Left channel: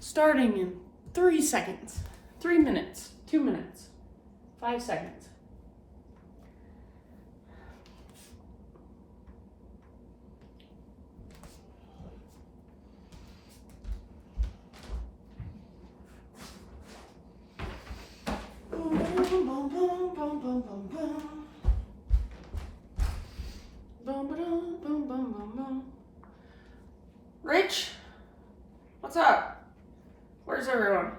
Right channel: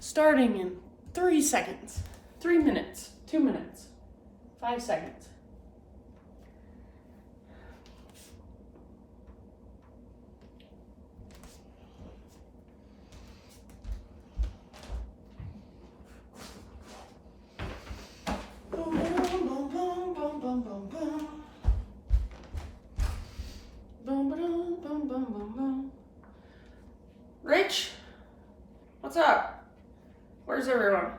Starting in 3 seconds, 3 minutes, 2 minutes, 5 seconds. Rich, what's up? Where's everyone?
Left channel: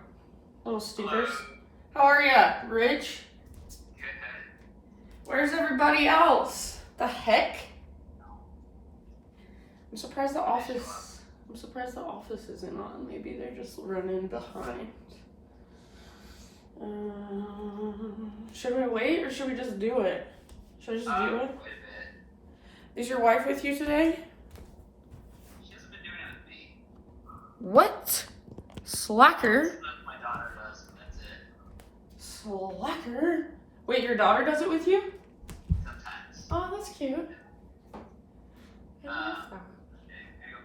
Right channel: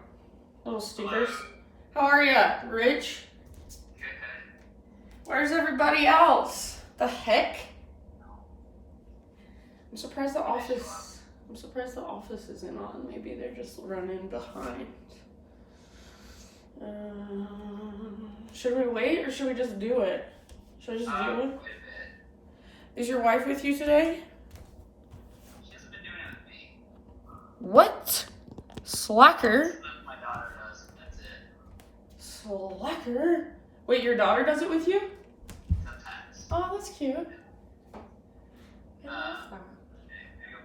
Little stinkers. How are ya, Rich? Where's everybody else? The heck? I'm surprised the office isn't on. Maybe they're just running behind. Should we wait or should we just do it? Should I just do it? Is your wife with you today? She hasn't been doing it with me. What? Slacker? My daughter does, and that's it. Slacker? Wait, your daughter does it with you? Sometimes. Oh, that's cute. Okay, go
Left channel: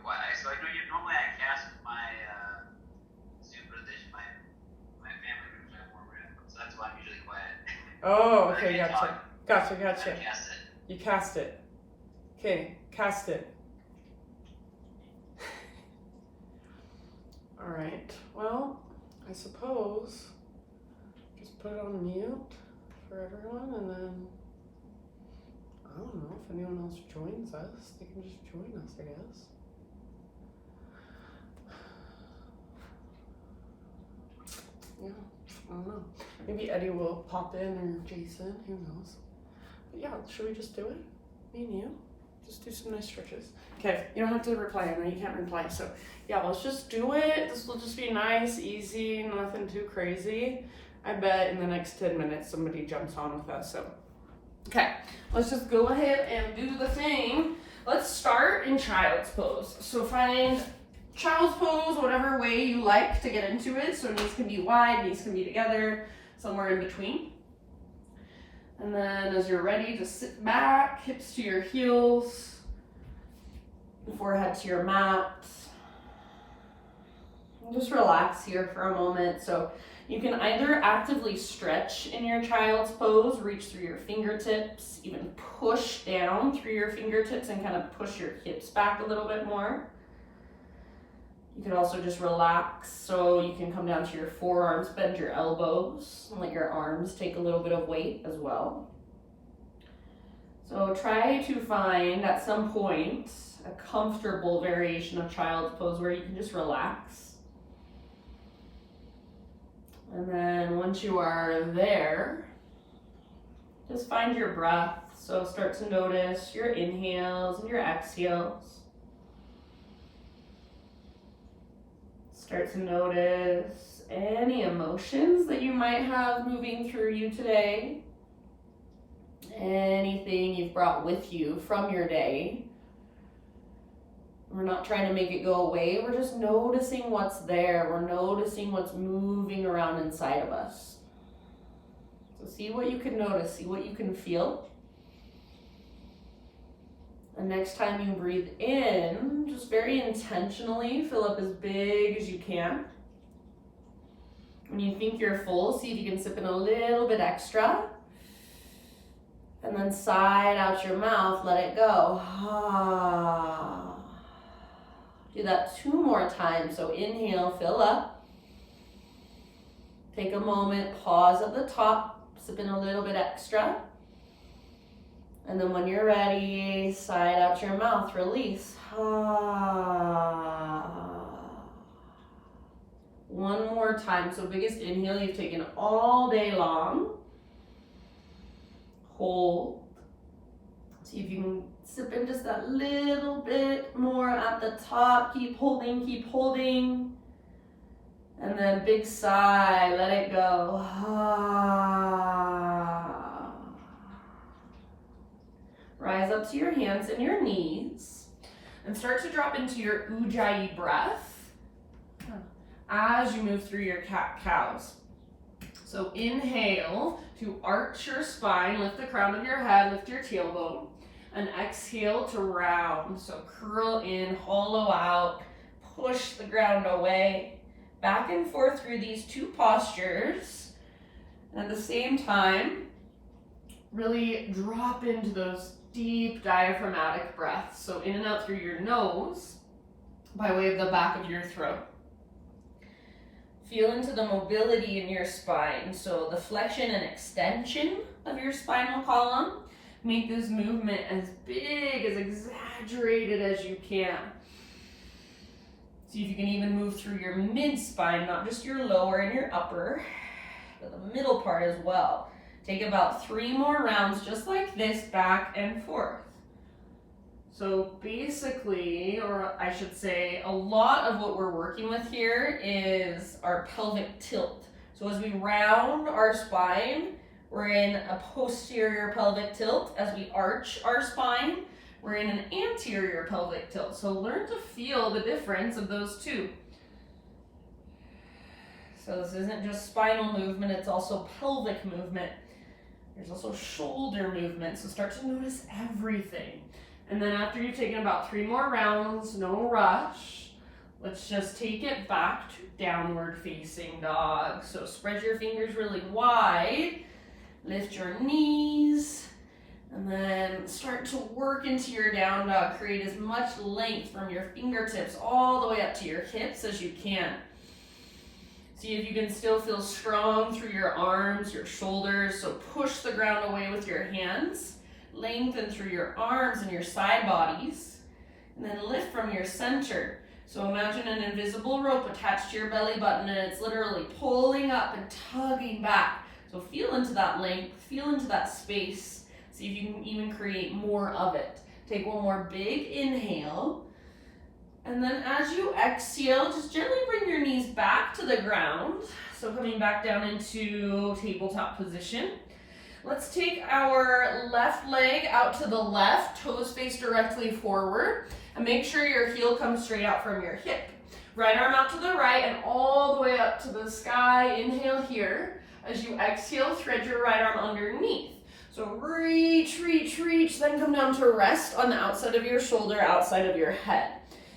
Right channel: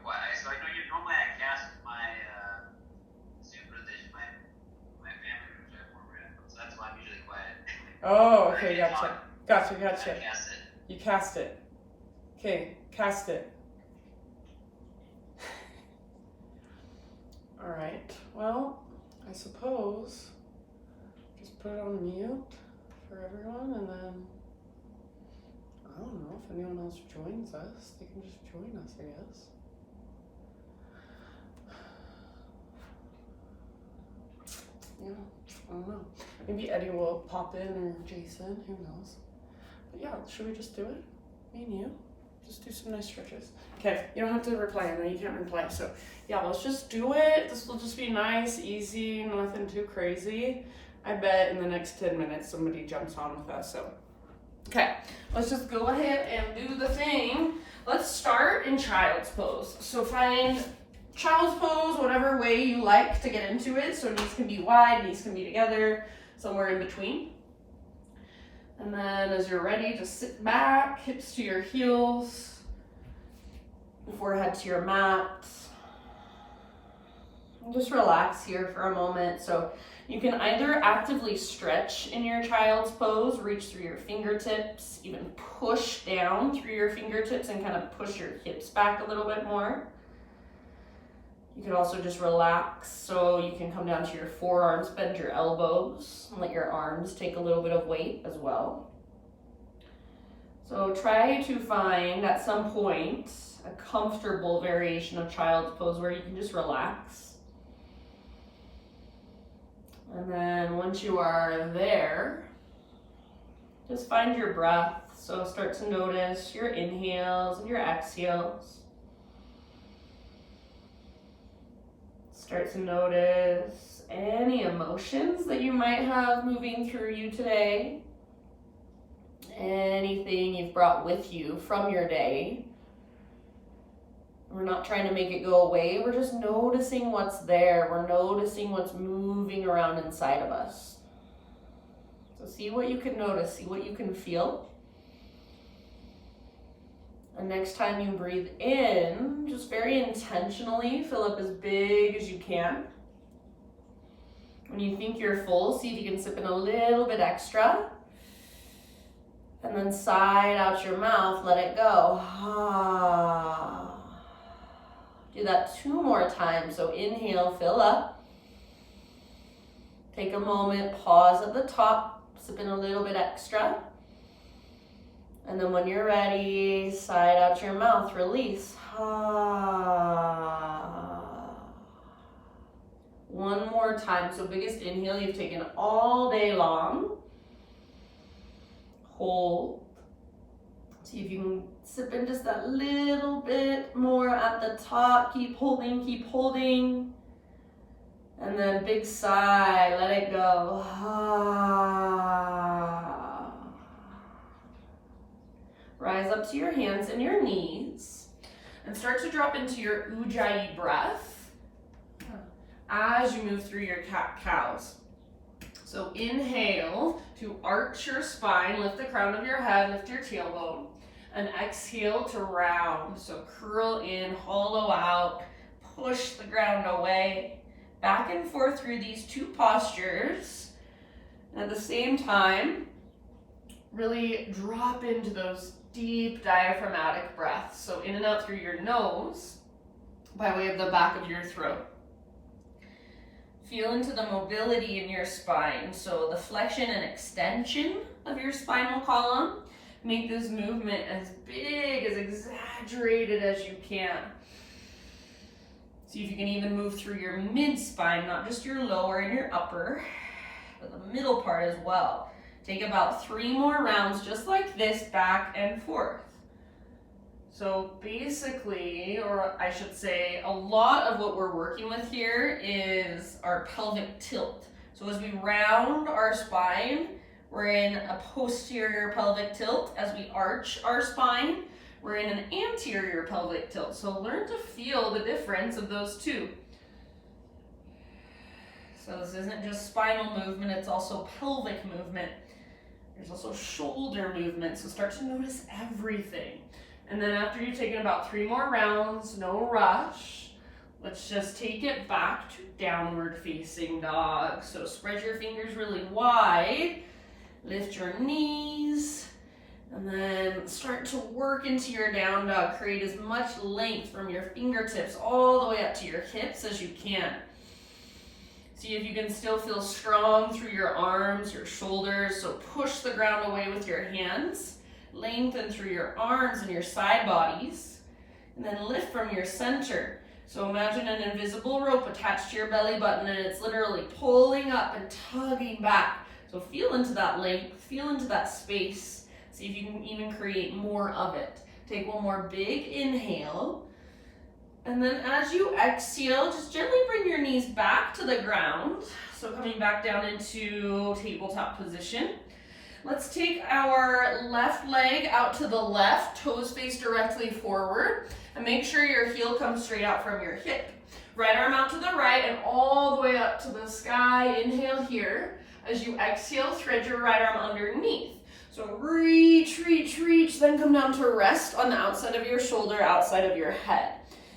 quiet. So I know normally I cast my Zoom position, my family room, which I have more room, so that's why I'm usually quiet. Oh, okay, gotcha. I cast it. You cast it. Okay, cast it. All right, well, I suppose just put it on mute for everyone, and then I don't know if anyone else joins us. They can just join us, I guess. Yeah, I don't know. Maybe Eddie will pop in or Jason, who knows. But yeah, should we just do it? Me and you? Just do some nice stretches. Okay, you don't have to reply. I know you can't reply. So yeah, let's just do it. This will just be nice, easy, nothing too crazy. I bet in the next 10 minutes somebody jumps on with us. So okay, let's just go ahead and do the thing. Let's start in child's pose. So find child's pose, whatever way you like to get into it. So knees can be wide, knees can be together, somewhere in between. And then as you're ready, just sit back, hips to your heels, forehead to your mat. Just relax here for a moment. So you can either actively stretch in your child's pose, reach through your fingertips, even push down through your fingertips and kind of push your hips back a little bit more. You could also just relax, so you can come down to your forearms, bend your elbows, and let your arms take a little bit of weight as well. So try to find at some point a comfortable variation of child's pose where you can just relax. And then once you are there, just find your breath. So start to notice your inhales and your exhales. Start to notice any emotions that you might have moving through you today. Anything you've brought with you from your day. We're not trying to make it go away. We're just noticing what's there. We're noticing what's moving around inside of us. So see what you can notice. See what you can feel. And next time you breathe in, just very intentionally fill up as big as you can. When you think you're full, see if you can sip in a little bit extra. And then sigh out your mouth, let it go. Do that 2 more times. So inhale, fill up. Take a moment, pause at the top, sip in a little bit extra. And then when you're ready, sigh out your mouth, release. One more time. So biggest inhale you've taken all day long. Hold. See if you can sip in just that little bit more at the top. Keep holding, keep holding. And then big sigh, let it go. Rise up to your hands and your knees and start to drop into your Ujjayi breath as you move through your cat-cows. So inhale to arch your spine, lift the crown of your head, lift your tailbone, and exhale to round. So curl in, hollow out, push the ground away. Back and forth through these two postures. And at the same time, really drop into those deep diaphragmatic breaths. So in and out through your nose by way of the back of your throat. Feel into the mobility in your spine. So the flexion and extension of your spinal column. Make this movement as big, as exaggerated as you can. See if you can even move through your mid-spine, not just your lower and your upper, but the middle part as well. Take about 3 more rounds just like this, back and forth. So basically, or I should say, a lot of what we're working with here is our pelvic tilt. So as we round our spine, we're in a posterior pelvic tilt. As we arch our spine, we're in an anterior pelvic tilt. So learn to feel the difference of those two. So this isn't just spinal movement, it's also pelvic movement. There's also shoulder movement, so start to notice everything. And then after you've taken about 3 more rounds, no rush, let's just take it back to downward facing dog. So spread your fingers really wide, lift your knees, and then start to work into your down dog. Create as much length from your fingertips all the way up to your hips as you can. See if you can still feel strong through your arms, your shoulders. So push the ground away with your hands. Lengthen through your arms and your side bodies. And then lift from your center. So imagine an invisible rope attached to your belly button and it's literally pulling up and tugging back. So feel into that length, feel into that space. See if you can even create more of it. Take one more big inhale. And then as you exhale, just gently bring your knees back to the ground. So coming back down into tabletop position. Let's take our left leg out to the left, toes face directly forward, and make sure your heel comes straight out from your hip. Right arm out to the right and all the way up to the sky. Inhale here. As you exhale, thread your right arm underneath. So reach, reach, reach, then come down to rest on the outside of your shoulder, outside of your head.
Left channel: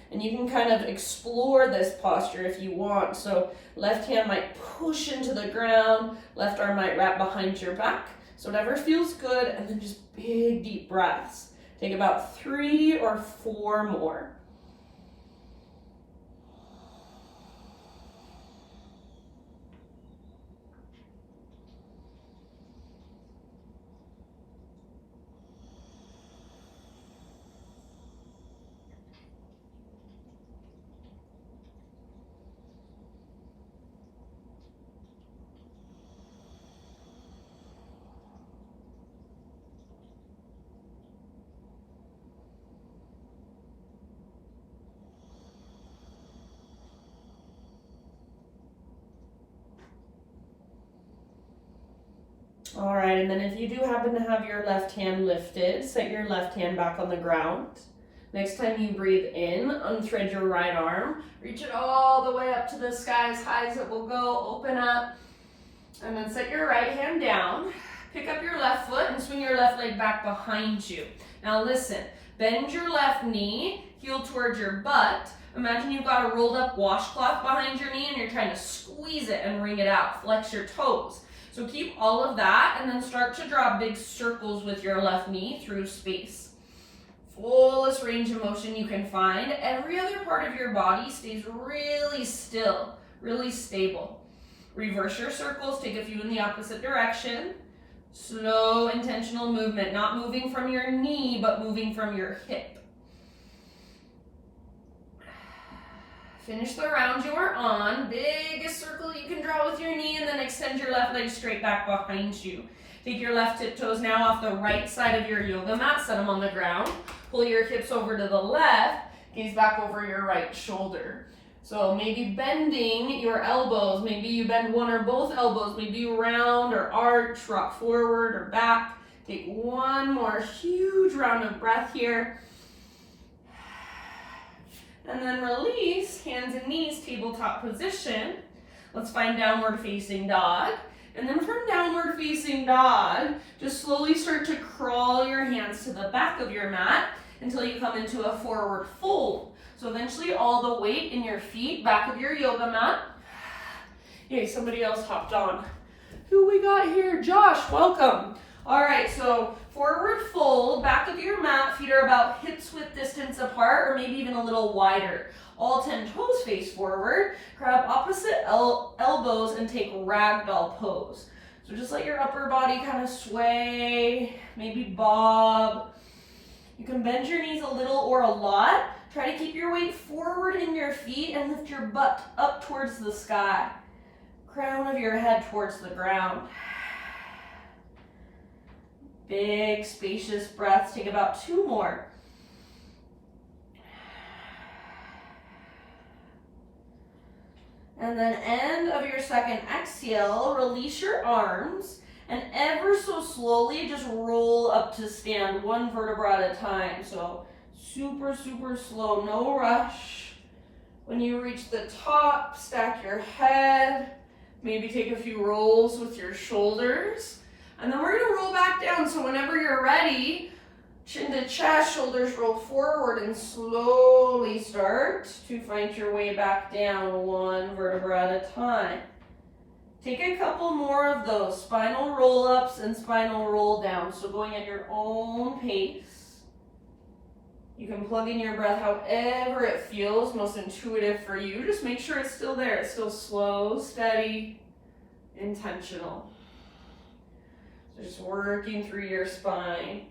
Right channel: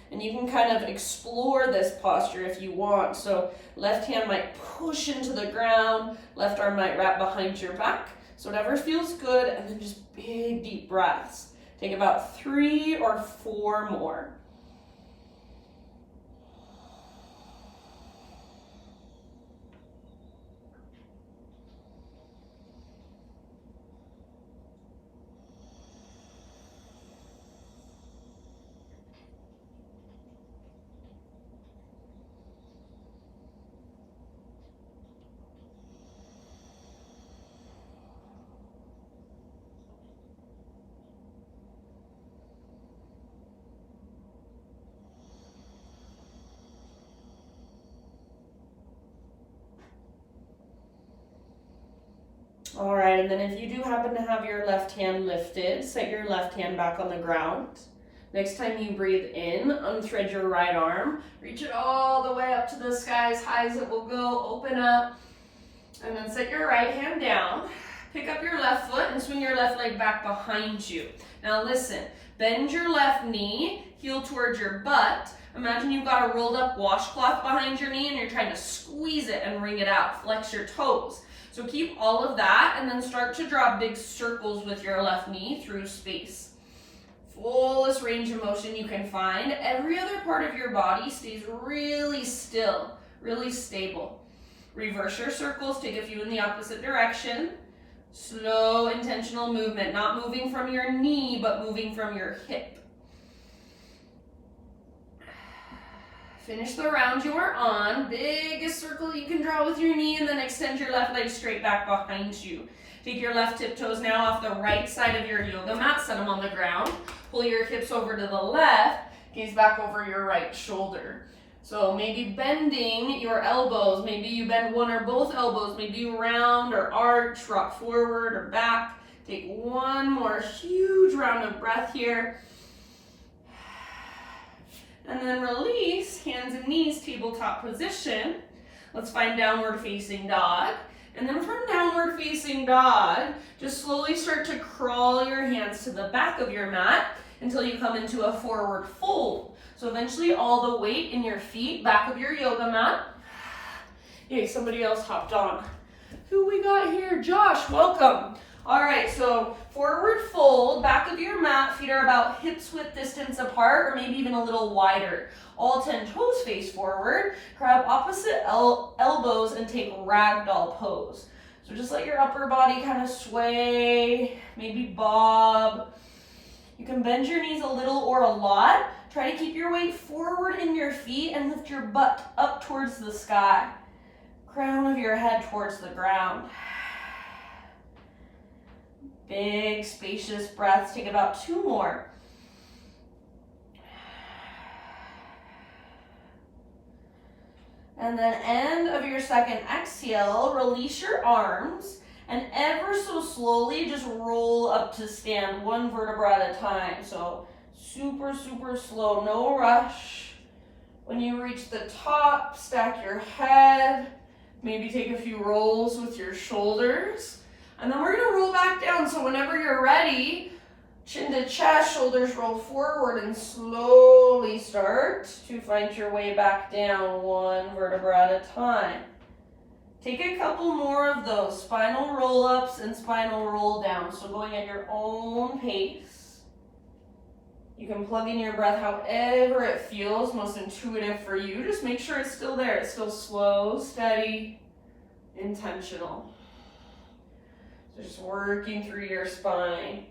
And you can kind of explore this posture if you want. So left hand might push into the ground, left arm might wrap behind your back. So whatever feels good, and then just big deep breaths. Take about 3 or 4 more. All right, and then if you do happen to have your left hand lifted, set your left hand back on the ground. Next time you breathe in, unthread your right arm, reach it all the way up to the sky, as high as it will go, open up, and then set your right hand down. Pick up your left foot and swing your left leg back behind you. Now listen, bend your left knee, heel towards your butt. Imagine you've got a rolled up washcloth behind your knee and you're trying to squeeze it and wring it out. Flex your toes. So keep all of that and then start to draw big circles with your left knee through space. Fullest range of motion you can find. Every other part of your body stays really still, really stable. Reverse your circles, take a few in the opposite direction. Slow, intentional movement, not moving from your knee, but moving from your hip. Finish the round you are on. Biggest circle you can draw with your knee, and then extend your left leg straight back behind you. Take your left tiptoes now off the right side of your yoga mat, set them on the ground. Pull your hips over to the left, gaze back over your right shoulder. So maybe bending your elbows, maybe you bend one or both elbows, maybe you round or arch, rock forward or back. Take one more huge round of breath here. And then release, hands and knees, tabletop position. Let's find downward facing dog. And then from downward facing dog, just slowly start to crawl your hands to the back of your mat until you come into a forward fold. So eventually all the weight in your feet, back of your yoga mat. Yay, somebody else hopped on. Who we got here? Josh, welcome. All right, so forward fold, back of your mat, feet are about hips width distance apart, or maybe even a little wider. All 10 toes face forward, grab opposite elbows and take ragdoll pose. So just let your upper body kind of sway, maybe bob. You can bend your knees a little or a lot. Try to keep your weight forward in your feet and lift your butt up towards the sky. Crown of your head towards the ground. Big, spacious breaths. Take about 2 more. And then end of your second exhale, release your arms and ever so slowly just roll up to stand, 1 vertebra at a time. So super, super slow, no rush. When you reach the top, stack your head, maybe take a few rolls with your shoulders. And then we're gonna roll back down. So whenever you're ready, chin to chest, shoulders roll forward and slowly start to find your way back down, 1 vertebra at a time. Take a couple more of those spinal roll-ups and spinal roll-downs. So going at your own pace. You can plug in your breath however it feels most intuitive for you. Just make sure it's still there. It's still slow, steady, intentional. So just working through your spine.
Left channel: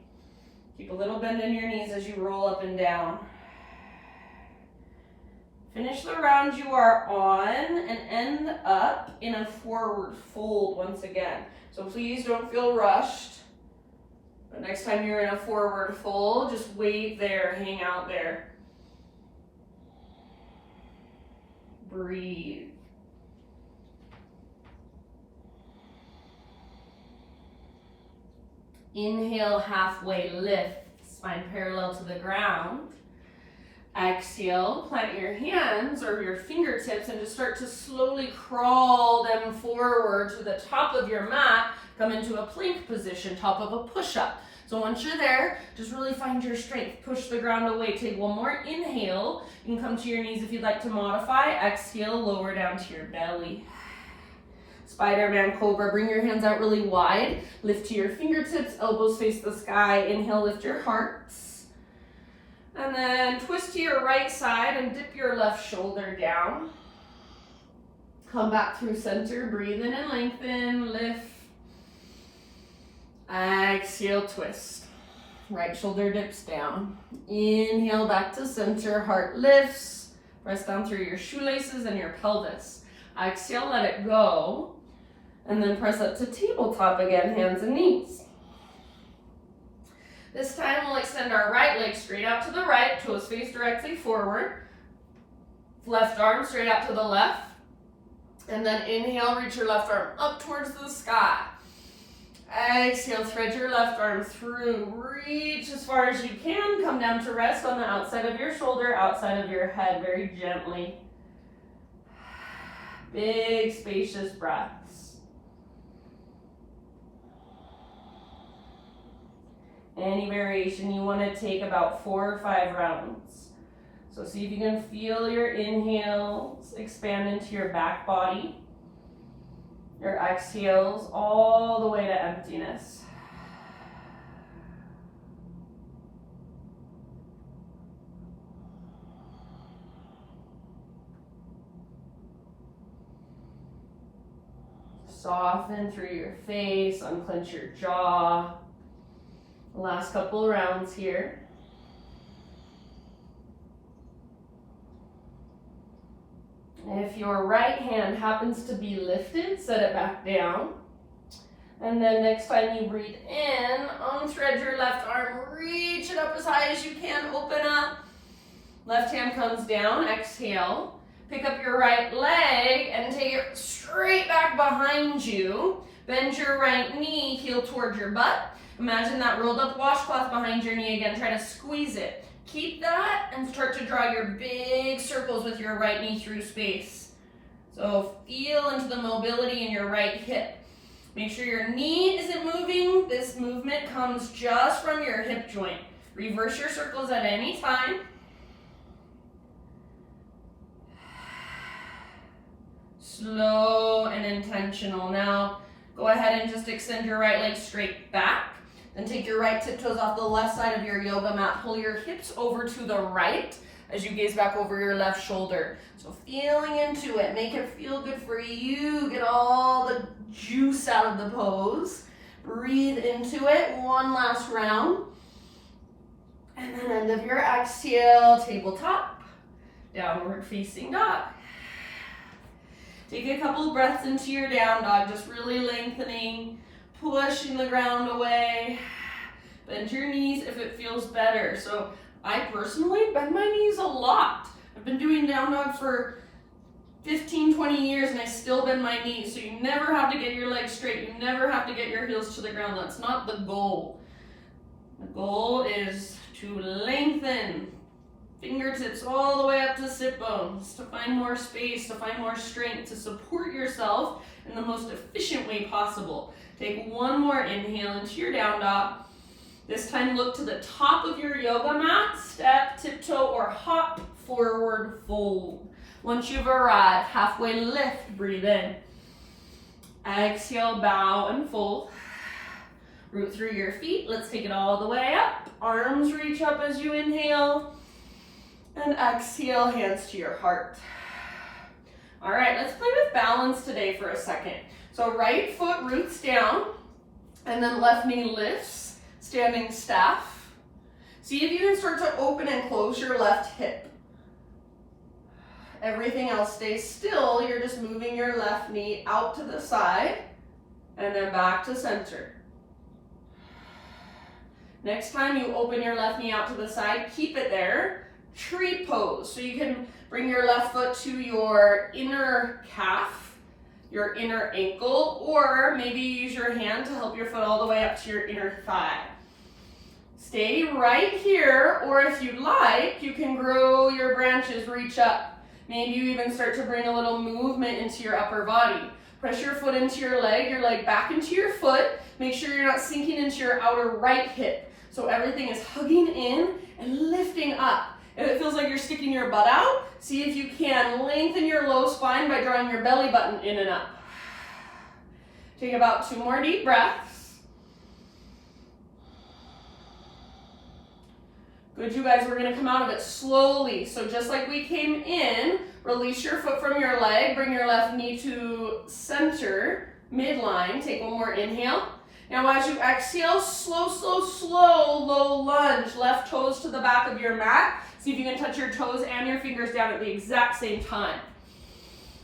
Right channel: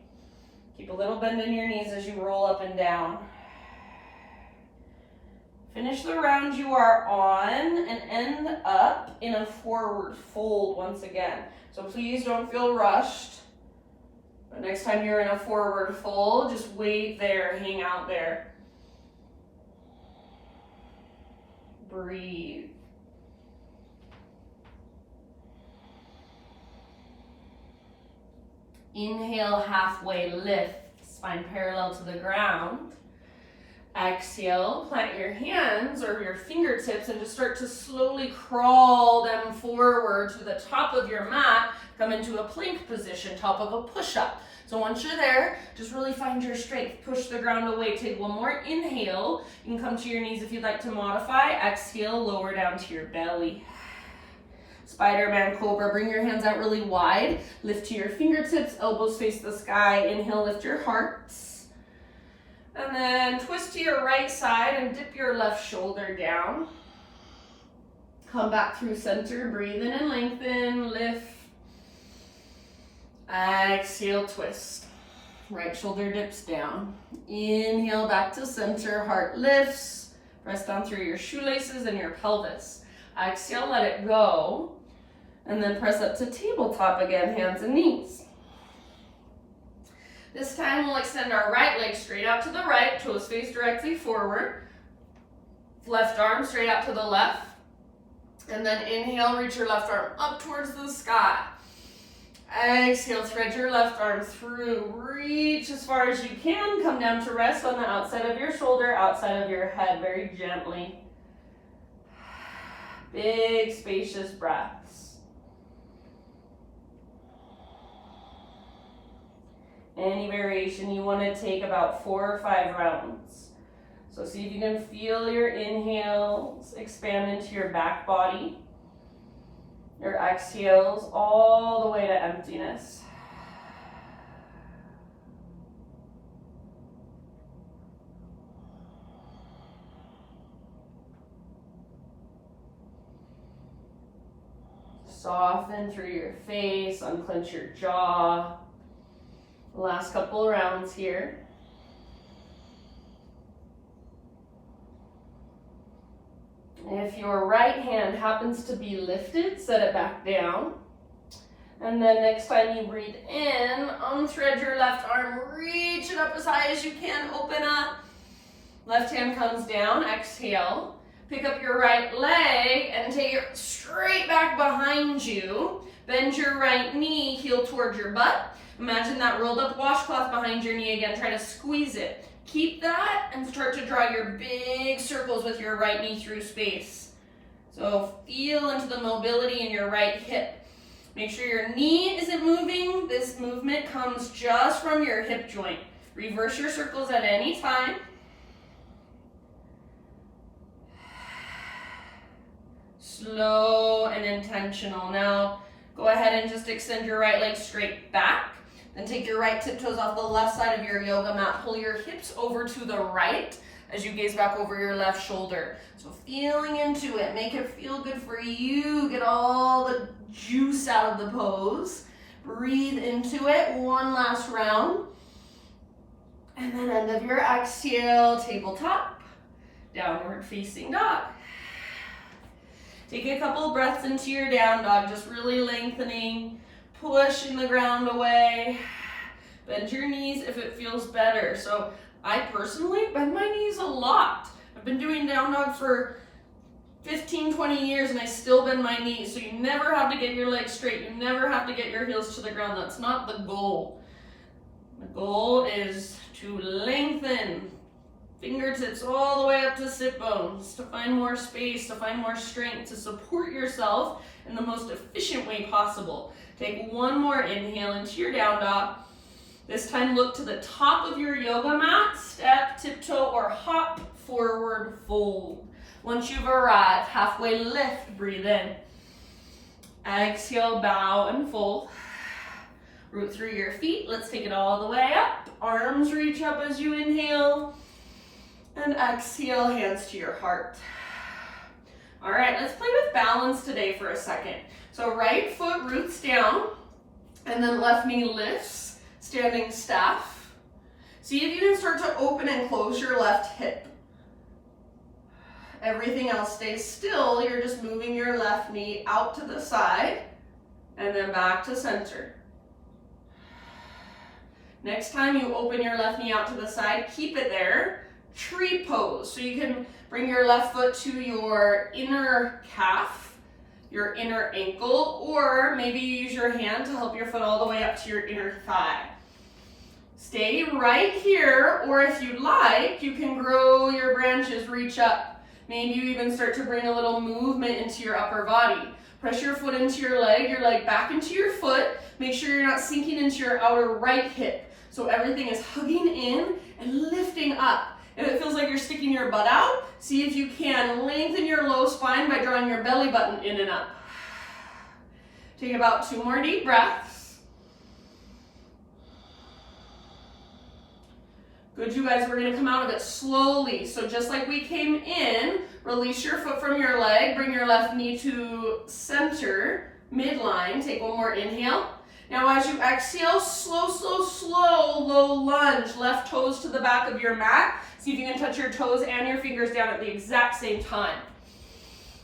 Keep a little bend in your knees as you roll up and down. Finish the round you are on and end up in a forward fold once again. So please don't feel rushed. The next time you're in a forward fold, just wait there, hang out there. Breathe. Inhale, halfway lift, spine parallel to the ground. Exhale, plant your hands or your fingertips and just start to slowly crawl them forward to the top of your mat. Come into a plank position, top of a push-up. So once you're there, just really find your strength. Push the ground away. Take 1 more inhale. You can come to your knees if you'd like to modify. Exhale, lower down to your belly. Spiderman Cobra, bring your hands out really wide. Lift to your fingertips, elbows face the sky. Inhale, lift your hearts. And then twist to your right side and dip your left shoulder down. Come back through center, breathe in and lengthen, lift. Exhale, twist. Right shoulder dips down. Inhale, back to center, heart lifts. Press down through your shoelaces and your pelvis. Exhale, let it go. And then press up to tabletop again, hands and knees. This time we'll extend our right leg straight out to the right, toes face directly forward. Left arm straight out to the left. And then inhale, reach your left arm up towards the sky. Exhale, thread your left arm through. Reach as far as you can. Come down to rest on the outside of your shoulder, outside of your head, very gently. Big, spacious breaths. Any variation, you want to take about 4 or 5 rounds. So see if you can feel your inhales expand into your back body. Your exhales all the way to emptiness. Soften through your face, unclench your jaw. Last couple rounds here. If your right hand happens to be lifted, set it back down. And then next time you breathe in, unthread your left arm, reach it up as high as you can, open up. Left hand comes down, exhale. Pick up your right leg and take it straight back behind you. Bend your right knee, heel toward your butt. Imagine that rolled up washcloth behind your knee again. Try to squeeze it. Keep that and start to draw your big circles with your right knee through space. So feel into the mobility in your right hip. Make sure your knee isn't moving. This movement comes just from your hip joint. Reverse your circles at any time. Slow and intentional. Now, go ahead and just extend your right leg straight back. Then take your right tiptoes off the left side of your yoga mat. Pull your hips over to the right as you gaze back over your left shoulder. So feeling into it, make it feel good for you. Get all the juice out of the pose. Breathe into it, one last round. And then end of your exhale, tabletop, downward facing dog. Take a couple of breaths into your down dog, just really lengthening, pushing the ground away. Bend your knees if it feels better. So I personally bend my knees a lot. I've been doing down dog for 15, 20 years and I still bend my knees. So you never have to get your legs straight. You never have to get your heels to the ground. That's not the goal. The goal is to lengthen fingertips all the way up to sit bones, to find more space, to find more strength, to support yourself in the most efficient way possible. Take one more inhale into your down dog. This time look to the top of your yoga mat, step, tiptoe, or hop, forward fold. Once you've arrived, halfway lift, breathe in. Exhale, bow and fold. Root through your feet. Let's take it all the way up. Arms reach up as you inhale. And exhale, hands to your heart. All right, let's play with balance today for a second. So right foot roots down, and then left knee lifts, standing staff. See if you can start to open and close your left hip. Everything else stays still. You're just moving your left knee out to the side, and then back to center. Next time you open your left knee out to the side, keep it there. Tree pose. So you can bring your left foot to your inner calf, your inner ankle, or maybe use your hand to help your foot all the way up to your inner thigh. Stay right here, or if you like, you can grow your branches, reach up. Maybe you even start to bring a little movement into your upper body. Press your foot into your leg back into your foot. Make sure you're not sinking into your outer right hip. So everything is hugging in and lifting up. If it feels like you're sticking your butt out, see if you can lengthen your low spine by drawing your belly button in and up. Take about 2 more deep breaths. Good, you guys, we're gonna come out of it slowly. So just like we came in, release your foot from your leg, bring your left knee to center, midline. Take one more inhale. Now as you exhale, slow, slow, slow, low lunge. Left toes to the back of your mat. See if you can touch your toes and your fingers down at the exact same time.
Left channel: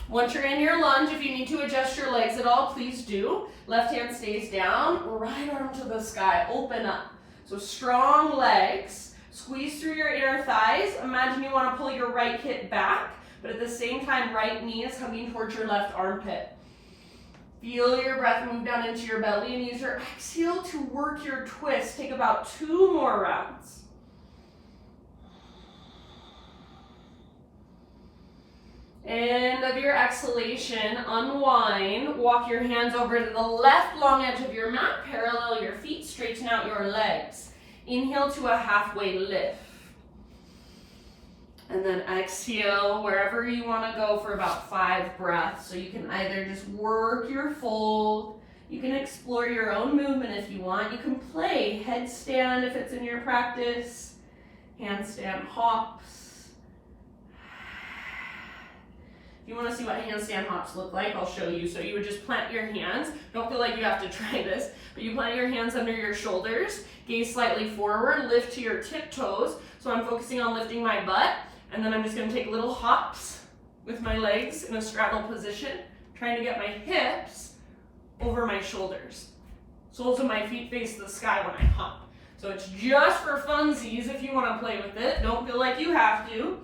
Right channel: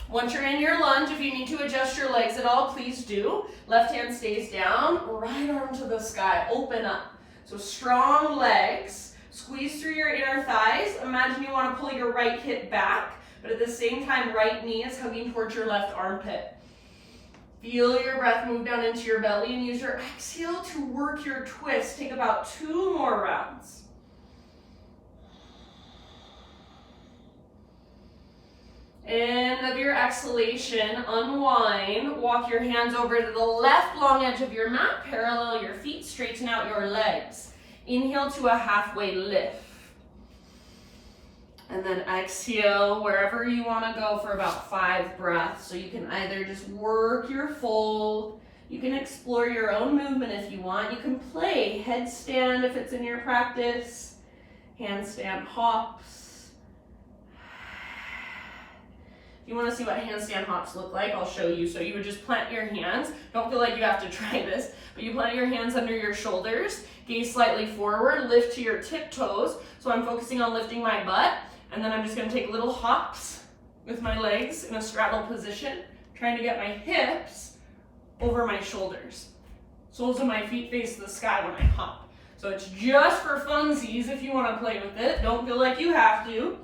Once you're in your lunge, if you need to adjust your legs at all, please do. Left hand stays down, right arm to the sky, open up. So strong legs, squeeze through your inner thighs. Imagine you want to pull your right hip back, but at the same time, right knee is hugging towards your left armpit. Feel your breath move down into your belly and use your exhale to work your twist. Take about 2 more rounds. End of your exhalation, unwind. Walk your hands over to the left long edge of your mat. Parallel your feet, straighten out your legs. Inhale to a halfway lift. And then exhale wherever you want to go for about 5 breaths. So you can either just work your fold, you can explore your own movement if you want. You can play headstand if it's in your practice, handstand hops. If you want to see what handstand hops look like, I'll show you. So you would just plant your hands. Don't feel like you have to try this, but you plant your hands under your shoulders, gaze slightly forward, lift to your tiptoes. So I'm focusing on lifting my butt, and then I'm just going to take little hops with my legs in a straddle position, trying to get my hips over my shoulders. Soles of my feet face the sky when I hop. So it's just for funsies if you want to play with it. Don't feel like you have to.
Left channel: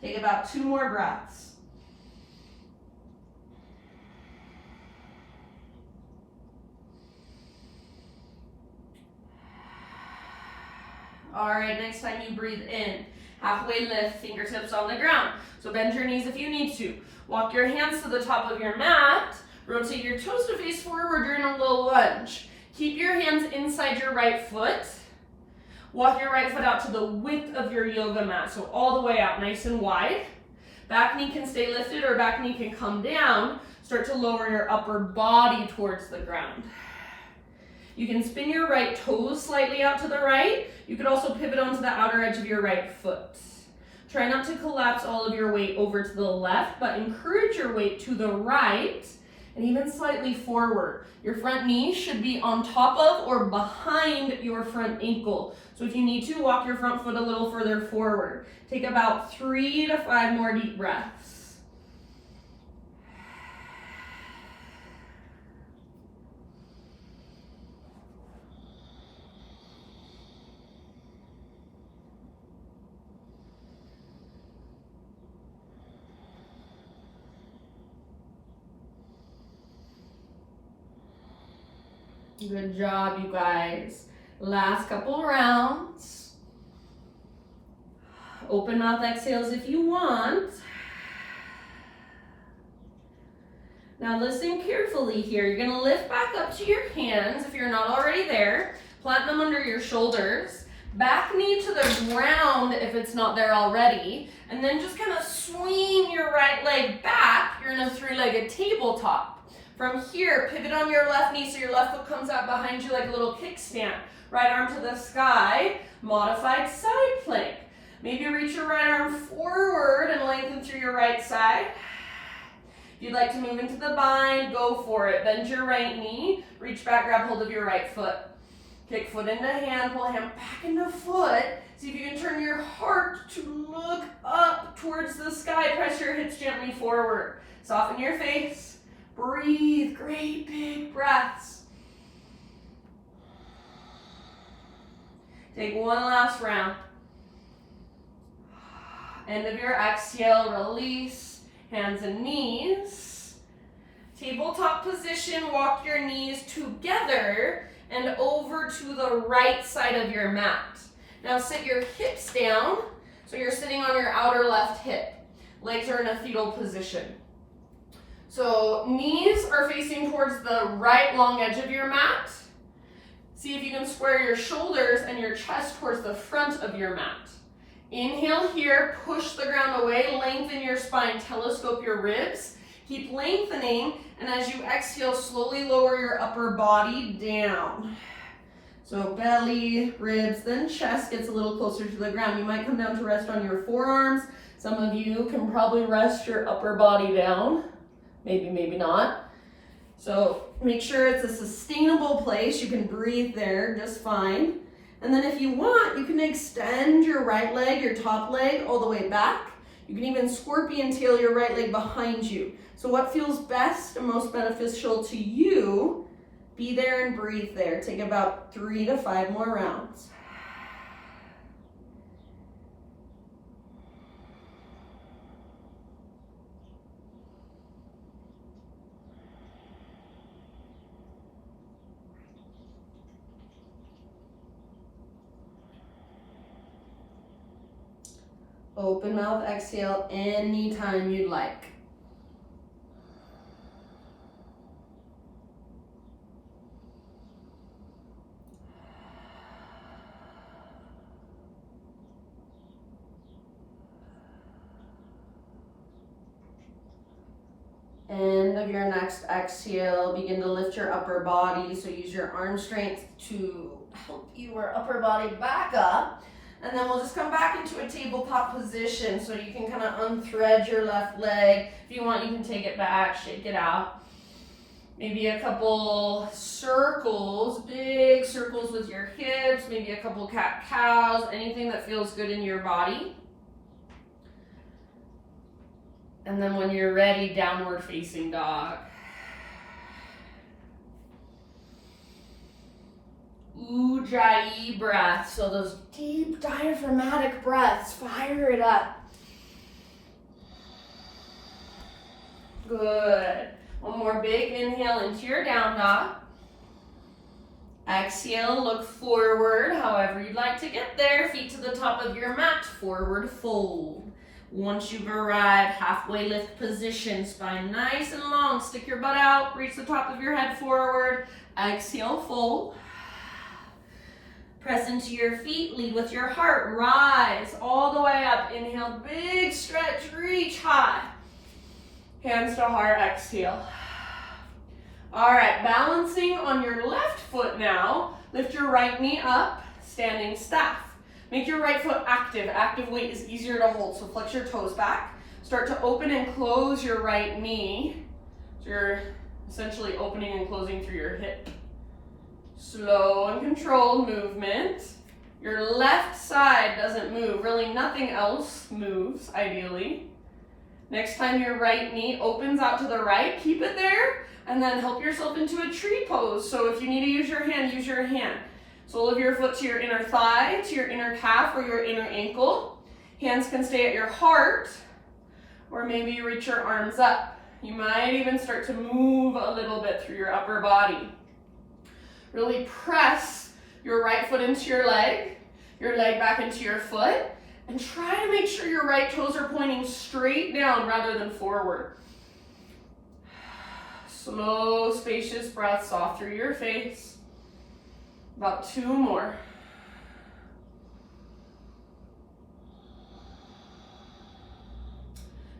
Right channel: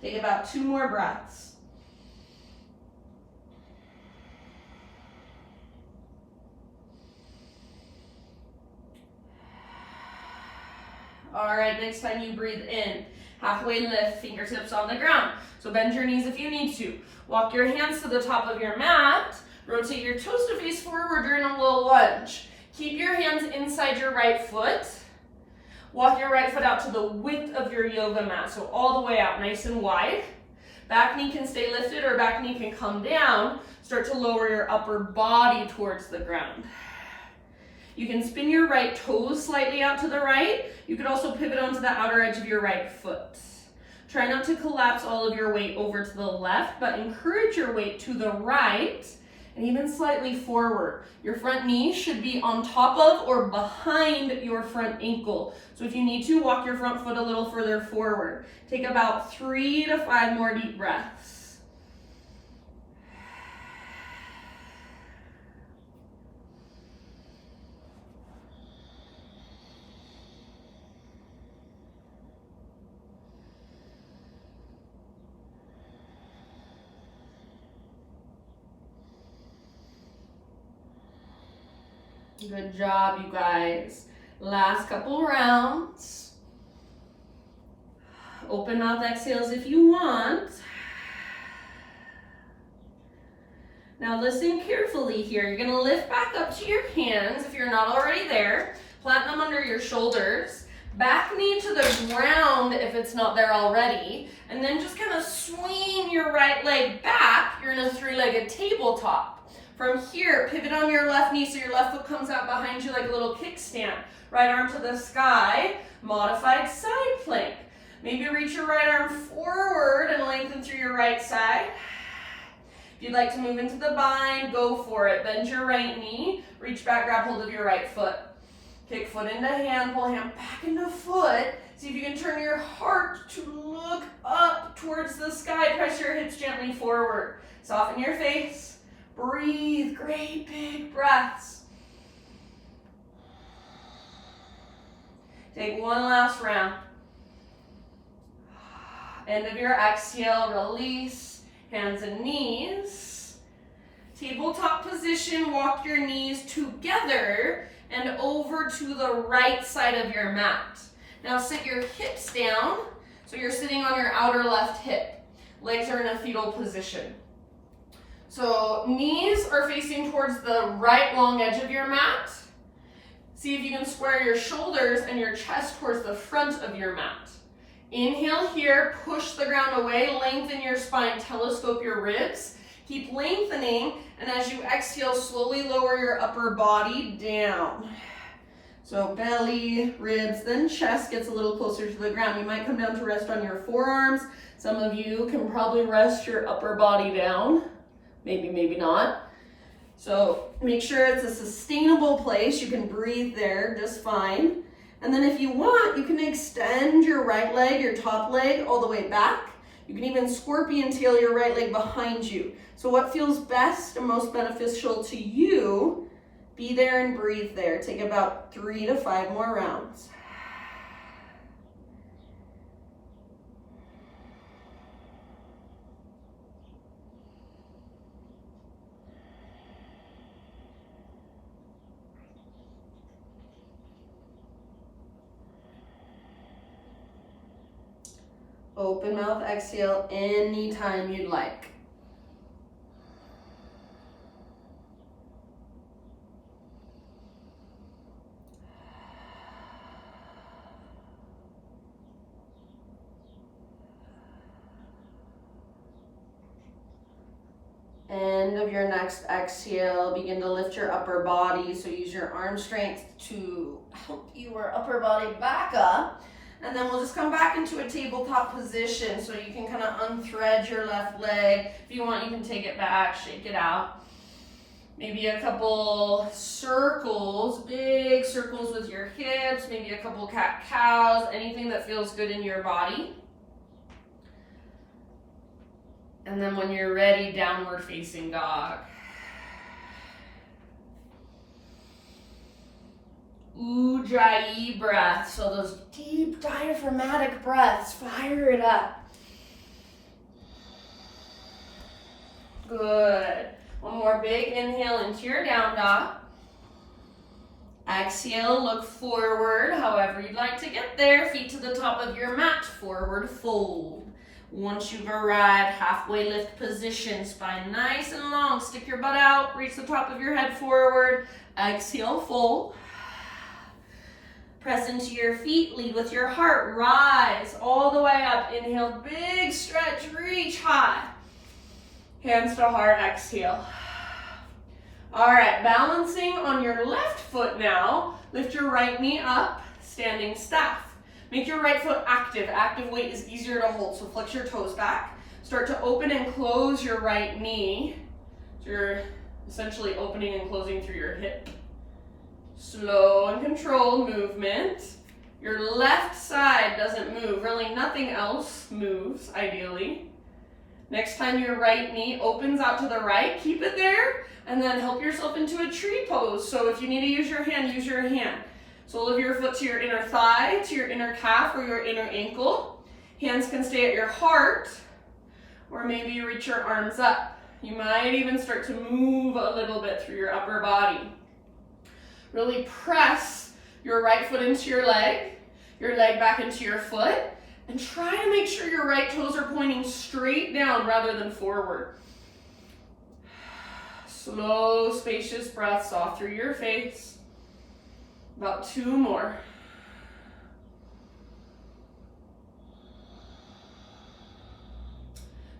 Take about 2 more breaths. All right, next time you breathe in, halfway lift, fingertips on the ground. So bend your knees if you need to. Walk your hands to the top of your mat. Rotate your toes to face forward during a low lunge. Keep your hands inside your right foot. Walk your right foot out to the width of your yoga mat, so all the way out, nice and wide. Back knee can stay lifted or back knee can come down. Start to lower your upper body towards the ground. You can spin your right toes slightly out to the right. You could also pivot onto the outer edge of your right foot. Try not to collapse all of your weight over to the left, but encourage your weight to the right and even slightly forward. Your front knee should be on top of or behind your front ankle. So if you need to, walk your front foot a little further forward. Take about 3 to 5 more deep breaths. Good job, you guys. Last couple rounds. Open mouth exhales if you want. Now listen carefully here. You're gonna lift back up to your hands if you're not already there. Plant them under your shoulders. Back knee to the ground if it's not there already. And then just kind of swing your right leg back. You're in a 3-legged tabletop. From here, pivot on your left knee so your left foot comes out behind you like a little kickstand. Right arm to the sky, modified side plank. Maybe reach your right arm forward and lengthen through your right side. If you'd like to move into the bind, go for it. Bend your right knee, reach back, grab hold of your right foot. Kick foot into hand, pull hand back into foot. See if you can turn your heart to look up towards the sky. Press your hips gently forward. Soften your face. Breathe, great big breaths. Take one last round. End of your exhale, release, hands and knees. Tabletop position, walk your knees together and over to the right side of your mat. Now sit your hips down, so you're sitting on your outer left hip. Legs are in a fetal position. So knees are facing towards the right long edge of your mat. See if you can square your shoulders and your chest towards the front of your mat. Inhale here, push the ground away, lengthen your spine, telescope your ribs. Keep lengthening, and as you exhale, slowly lower your upper body down. So belly, ribs, then chest gets a little closer to the ground. You might come down to rest on your forearms. Some of you can probably rest your upper body down. Maybe, maybe not. So make sure it's a sustainable place. You can breathe there just fine. And then if you want, you can extend your right leg, your top leg, all the way back. You can even scorpion tail your right leg behind you. So what feels best and most beneficial to you, be there and breathe there. Take about 3 to 5 more rounds. Open mouth exhale anytime you'd like. End of your next exhale, begin to lift your upper body. So use your arm strength to help your upper body back up. And then we'll just come back into a tabletop position so you can kind of unthread your left leg. If you want, you can take it back, shake it out. Maybe a couple circles, big circles with your hips, maybe a couple cat-cows, anything that feels good in your body. And then when you're ready, downward facing dog. Ujjayi breath. So those deep diaphragmatic breaths, fire it up. Good. One more big inhale into your down dog. Exhale, look forward, however you'd like to get there. Feet to the top of your mat, forward fold. Once you've arrived, halfway lift position, spine nice and long. Stick your butt out, reach the top of your head forward. Exhale, fold. Press into your feet, lead with your heart, rise all the way up. Inhale, big stretch, reach high. Hands to heart, exhale. All right, balancing on your left foot now. Lift your right knee up, standing staff. Make your right foot active. Active weight is easier to hold, so flex your toes back. Start to open and close your right knee. So you're essentially opening and closing through your hip. Slow and controlled movement. Your left side doesn't move. Really, nothing else moves, ideally. Next time your right knee opens out to the right, keep it there, and then help yourself into a tree pose. So if you need to use your hand, use your hand. Sole of your foot to your inner thigh, to your inner calf, or your inner ankle. Hands can stay at your heart, or maybe you reach your arms up. You might even start to move a little bit through your upper body. Really press your right foot into your leg back into your foot, and try to make sure your right toes are pointing straight down rather than forward. Slow, spacious breaths off through your face. About 2 more.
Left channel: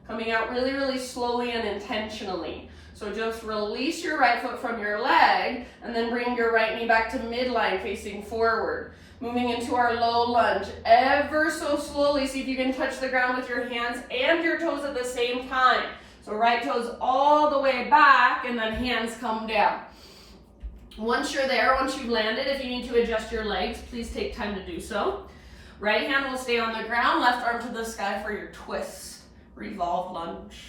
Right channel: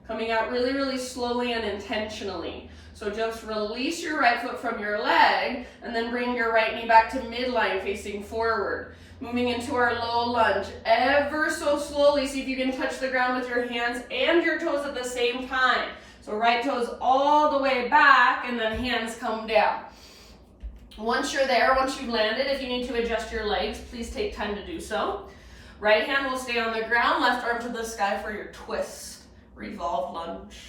Coming out really, really slowly and intentionally. So just release your right foot from your leg and then bring your right knee back to midline facing forward. Moving into our low lunge. Ever so slowly, see if you can touch the ground with your hands and your toes at the same time. So right toes all the way back and then hands come down. Once you're there, once you've landed, if you need to adjust your legs, please take time to do so. Right hand will stay on the ground, left arm to the sky for your twist. Revolve lunge.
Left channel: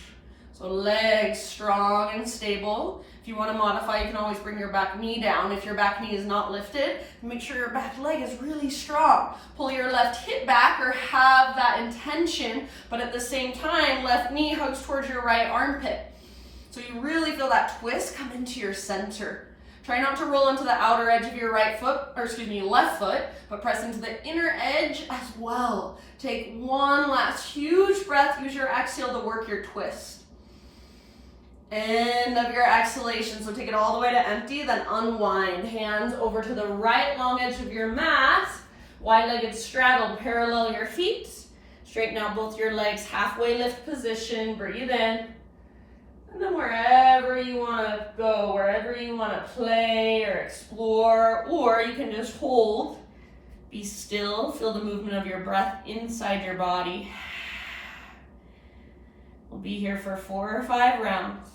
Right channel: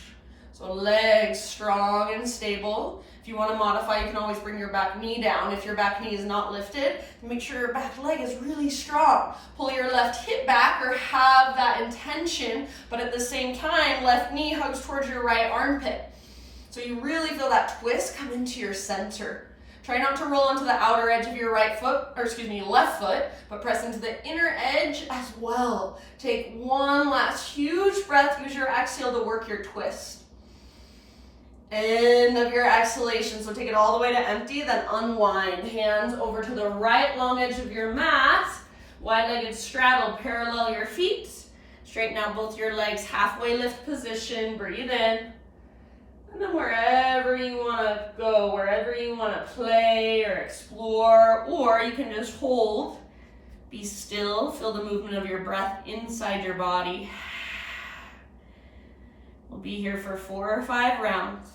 So legs strong and stable. If you want to modify, you can always bring your back knee down. If your back knee is not lifted, make sure your back leg is really strong. Pull your left hip back or have that intention, but at the same time, left knee hugs towards your right armpit. So you really feel that twist come into your center. Try not to roll into the outer edge of your left foot, but press into the inner edge as well. Take one last huge breath. Use your exhale to work your twist. End of your exhalation. So take it all the way to empty, then unwind. Hands over to the right long edge of your mat. Wide-legged straddle, parallel your feet. Straighten out both your legs, halfway lift position. Breathe in. And then wherever you want to go, wherever you want to play or explore, or you can just hold. Be still. Feel the movement of your breath inside your body. We'll be here for 4 or 5 rounds.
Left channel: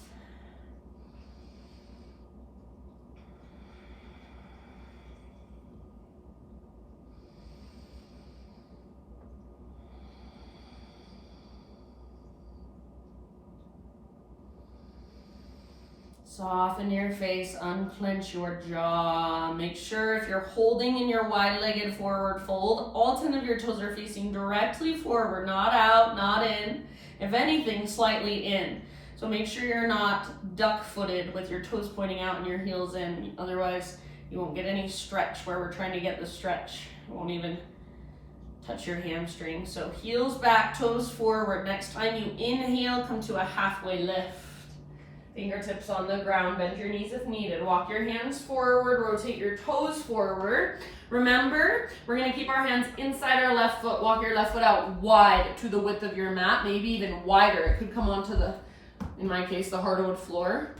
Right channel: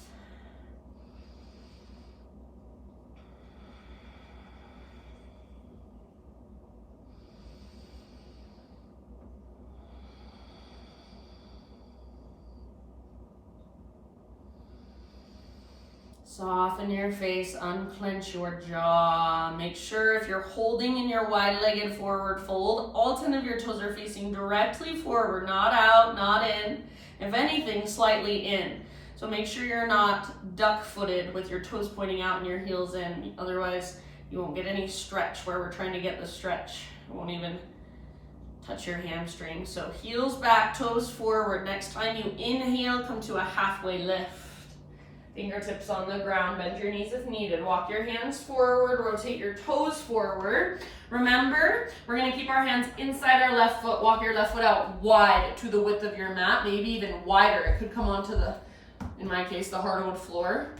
Soften your face, unclench your jaw. Make sure if you're holding in your wide-legged forward fold, all 10 of your toes are facing directly forward, not out, not in. If anything, slightly in. So make sure you're not duck-footed with your toes pointing out and your heels in. Otherwise, you won't get any stretch where we're trying to get the stretch. It won't even touch your hamstring. So heels back, toes forward. Next time you inhale, come to a halfway lift. Fingertips on the ground, bend your knees if needed. Walk your hands forward, rotate your toes forward. Remember, we're gonna keep our hands inside our left foot. Walk your left foot out wide to the width of your mat, maybe even wider. It could come onto the, in my case, the hardwood floor.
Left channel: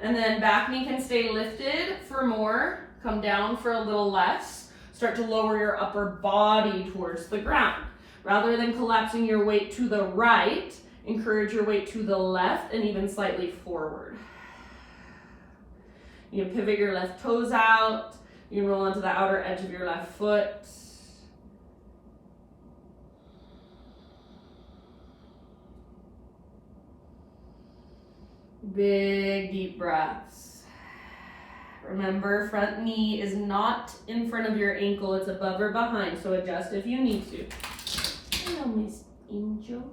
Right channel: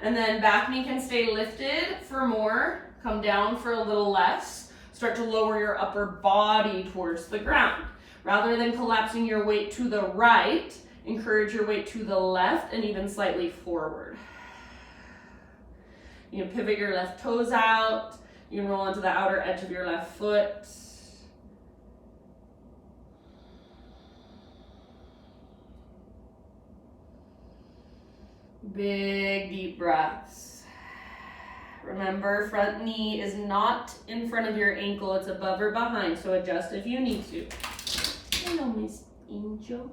And then back knee can stay lifted for more. Come down for a little less. Start to lower your upper body towards the ground. Rather than collapsing your weight to the right, encourage your weight to the left and even slightly forward. You can pivot your left toes out. You can roll onto the outer edge of your left foot. Big deep breaths. Remember, front knee is not in front of your ankle, it's above or behind, so adjust if you need to. Hello, Miss Angel.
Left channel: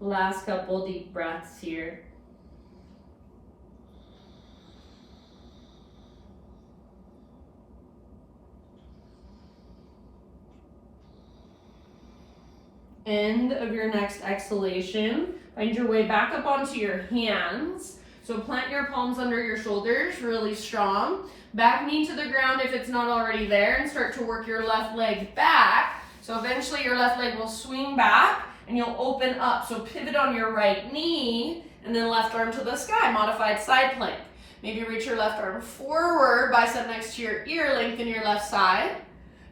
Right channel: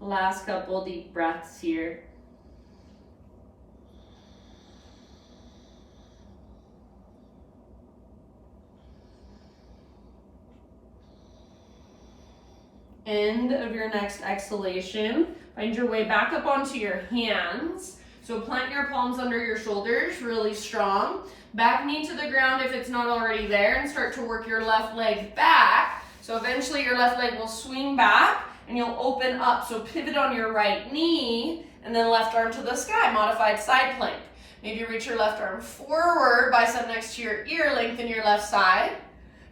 Last couple deep breaths here. End of your next exhalation. Find your way back up onto your hands. So plant your palms under your shoulders, really strong. Back knee to the ground if it's not already there, and start to work your left leg back. So eventually your left leg will swing back and you'll open up. So pivot on your right knee and then left arm to the sky, modified side plank. Maybe reach your left arm forward, bicep next to your ear, lengthen your left side.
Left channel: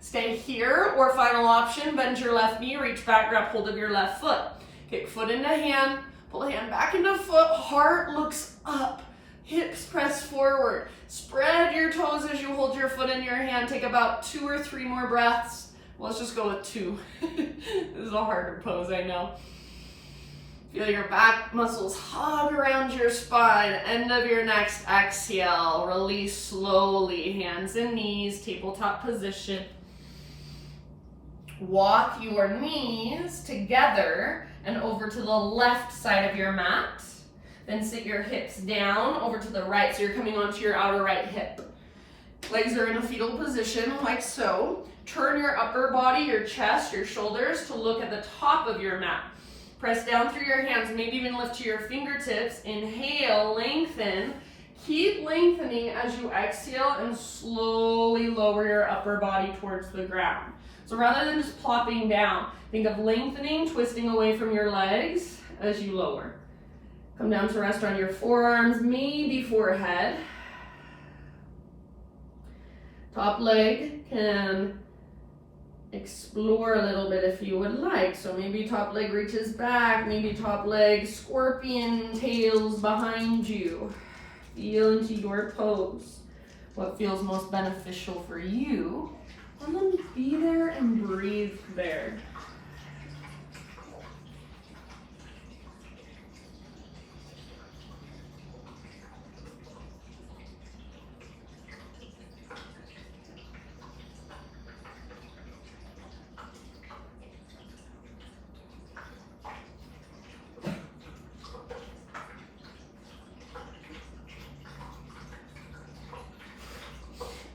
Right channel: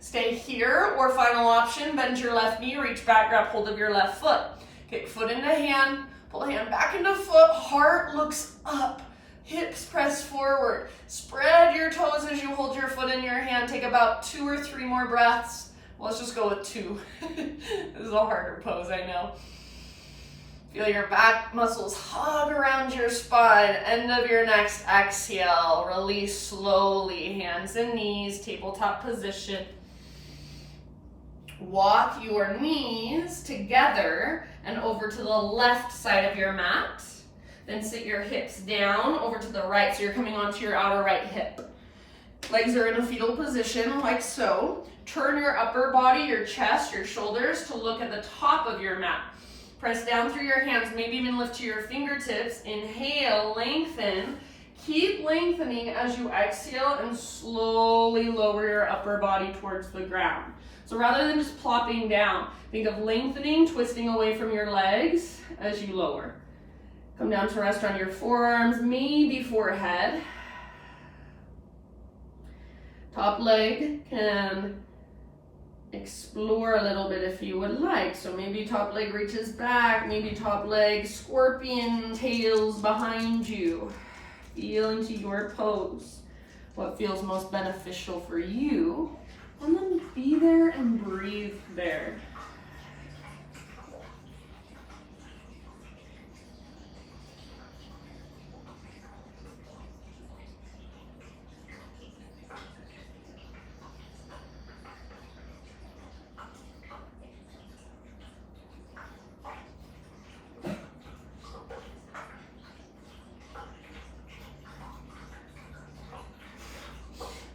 Stay here, or final option, bend your left knee, reach back, grab hold of your left foot. Kick foot into hand, pull hand back into foot, heart looks up, hips press forward. Spread your toes as you hold your foot in your hand. Take about 2 or 3 more breaths. Well, let's just go with 2. This is a harder pose, I know. Feel your back muscles hug around your spine. End of your next exhale. Release slowly. Hands and knees, tabletop position. Walk your knees together and over to the left side of your mat. Then sit your hips down over to the right, so you're coming onto your outer right hip. Legs are in a fetal position, like so. Turn your upper body, your chest, your shoulders to look at the top of your mat. Press down through your hands, maybe even lift to your fingertips. Inhale, lengthen. Keep lengthening as you exhale and slowly lower your upper body towards the ground. So rather than just plopping down, think of lengthening, twisting away from your legs as you lower. Come down to rest on your forearms, maybe forehead. Top leg can explore a little bit if you would like. So maybe top leg reaches back, maybe top leg scorpion tails behind you. Feel into your pose, what feels most beneficial for you, and then be there and breathe there.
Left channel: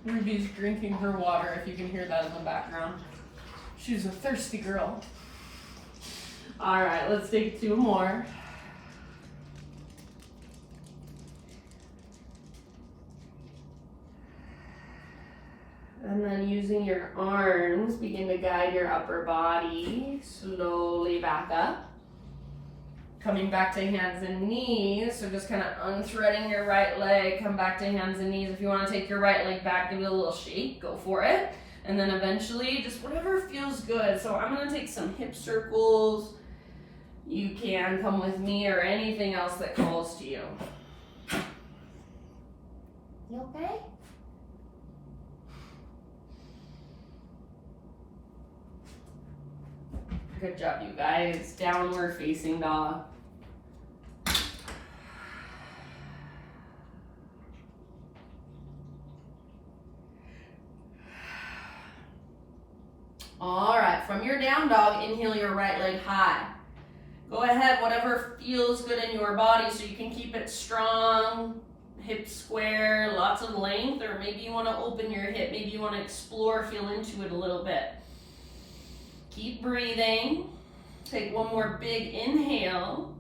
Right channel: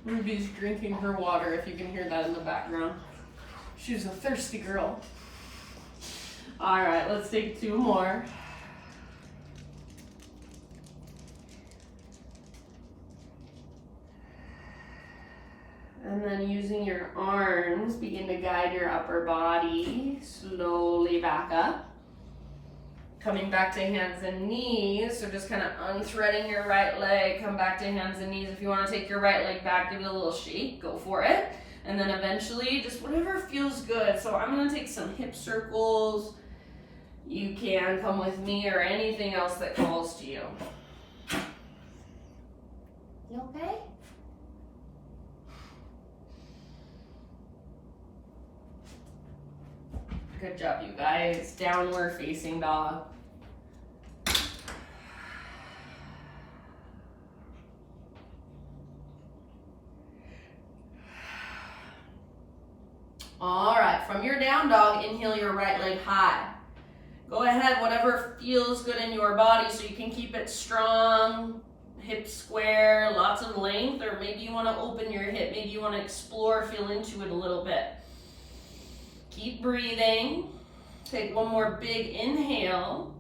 Ruby's drinking her water, if you can hear that in the background. She's a thirsty girl. All right, let's take 2 more. And then using your arms, begin to guide your upper body slowly back up. Coming back to hands and knees, so just kind of unthreading your right leg, come back to hands and knees. If you want to take your right leg back, give it a little shake, go for it. And then eventually, just whatever feels good. So I'm going to take some hip circles. You can come with me or anything else that calls to you. You okay? Good job, you guys. Downward facing dog. All right, from your down dog, inhale your right leg high. Go ahead, whatever feels good in your body, so you can keep it strong, hips square, lots of length, or maybe you want to open your hip, maybe you want to explore, feel into it a little bit. Keep breathing. Take 1 more big inhale.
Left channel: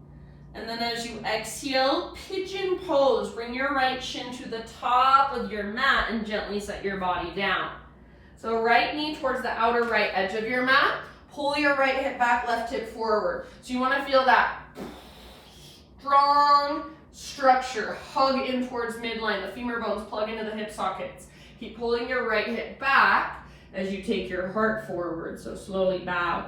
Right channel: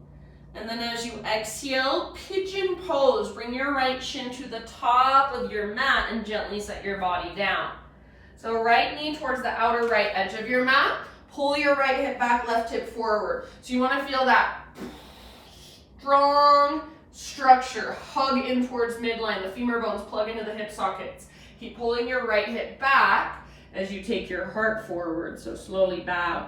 And then as you exhale, pigeon pose. Bring your right shin to the top of your mat and gently set your body down. So right knee towards the outer right edge of your mat. Pull your right hip back, left hip forward. So you want to feel that strong structure. Hug in towards midline. The femur bones plug into the hip sockets. Keep pulling your right hip back as you take your heart forward, so slowly bow.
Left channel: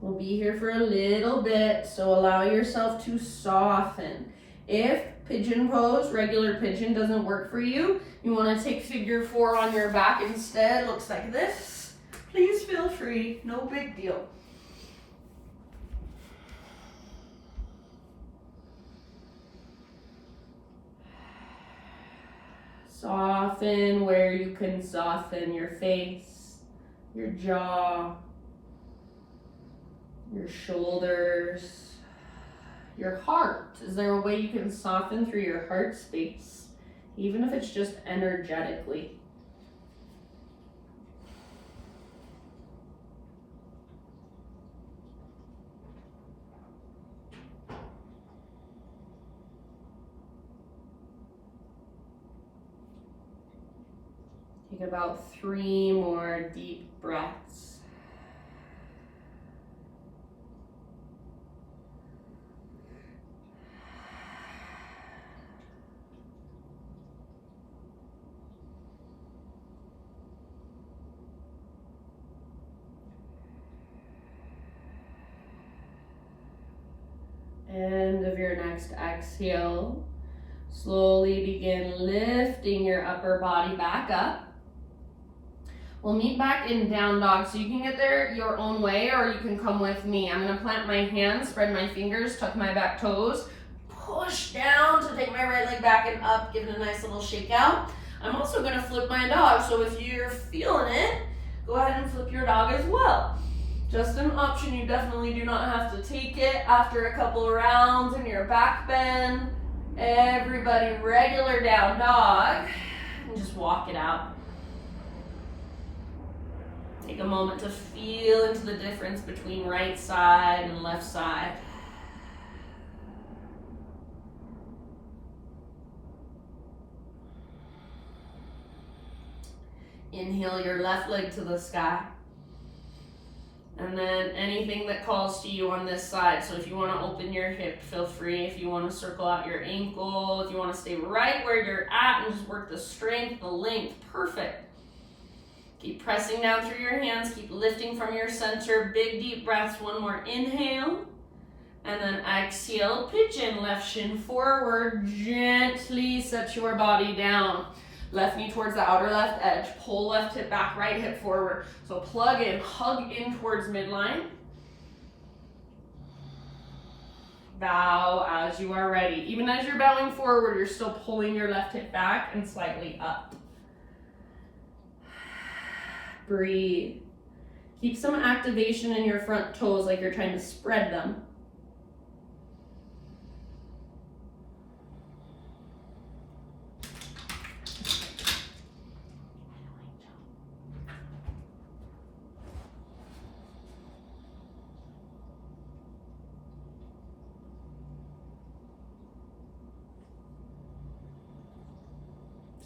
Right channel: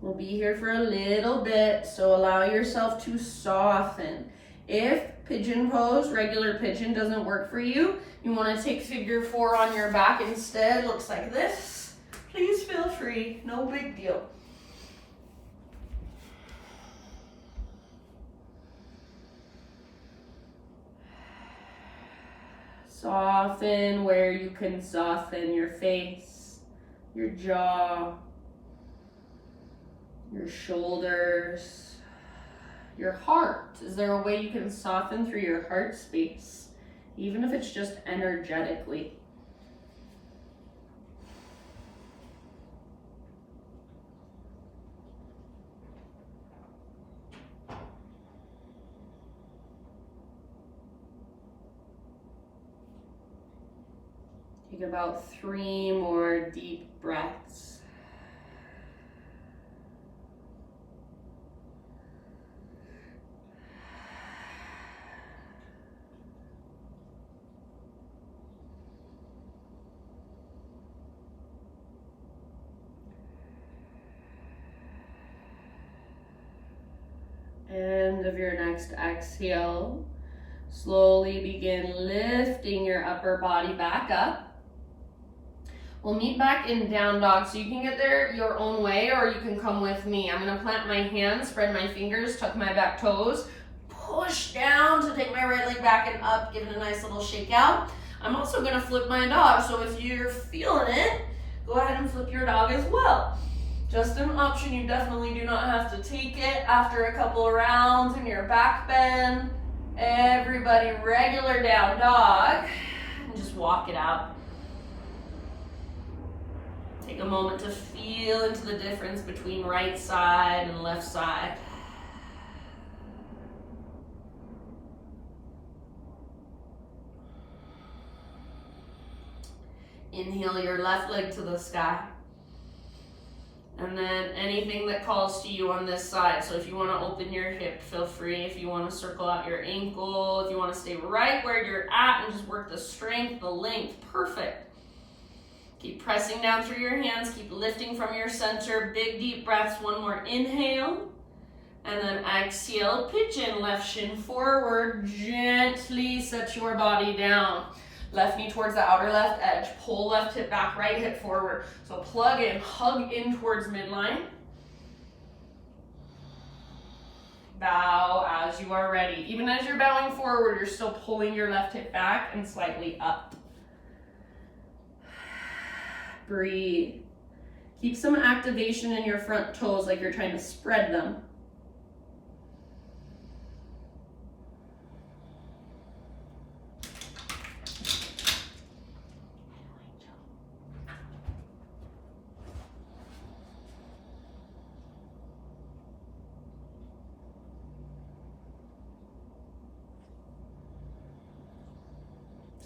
We'll be here for a little bit, so allow yourself to soften. If pigeon pose, regular pigeon, doesn't work for you, you want to take figure 4 on your back instead. Looks like this. Please feel free, no big deal. Soften where you can soften your face, your jaw, your shoulders, your heart. Is there a way you can soften through your heart space, even if it's just energetically? Take about 3 more deep breaths. End of your next exhale. Slowly begin lifting your upper body back up. We'll meet back in down dog, so you can get there your own way or you can come with me. I'm gonna plant my hands, spread my fingers, tuck my back toes, push down to take my right leg back and up, give it a nice little shake out. I'm also gonna flip my dog, so if you're feeling it, go ahead and flip your dog as well. Just an option, you definitely do not have to take it after a couple of rounds in your back bend. Everybody, regular down dog, and just walk it out. Take a moment to feel into the difference between right side and left side. Inhale your left leg to the sky. And then anything that calls to you on this side. So if you want to open your hip, feel free. If you want to circle out your ankle, if you want to stay right where you're at and just work the strength, the length, perfect. Keep pressing down through your hands, keep lifting from your center. Big deep breaths, one more inhale. And then exhale, pigeon, left shin forward. Gently set your body down. Left knee towards the outer left edge. Pull left hip back, right hip forward. So plug in, hug in towards midline. Bow as you are ready. Even as you're bowing forward, you're still pulling your left hip back and slightly up. Breathe. Keep some activation in your front toes like you're trying to spread them.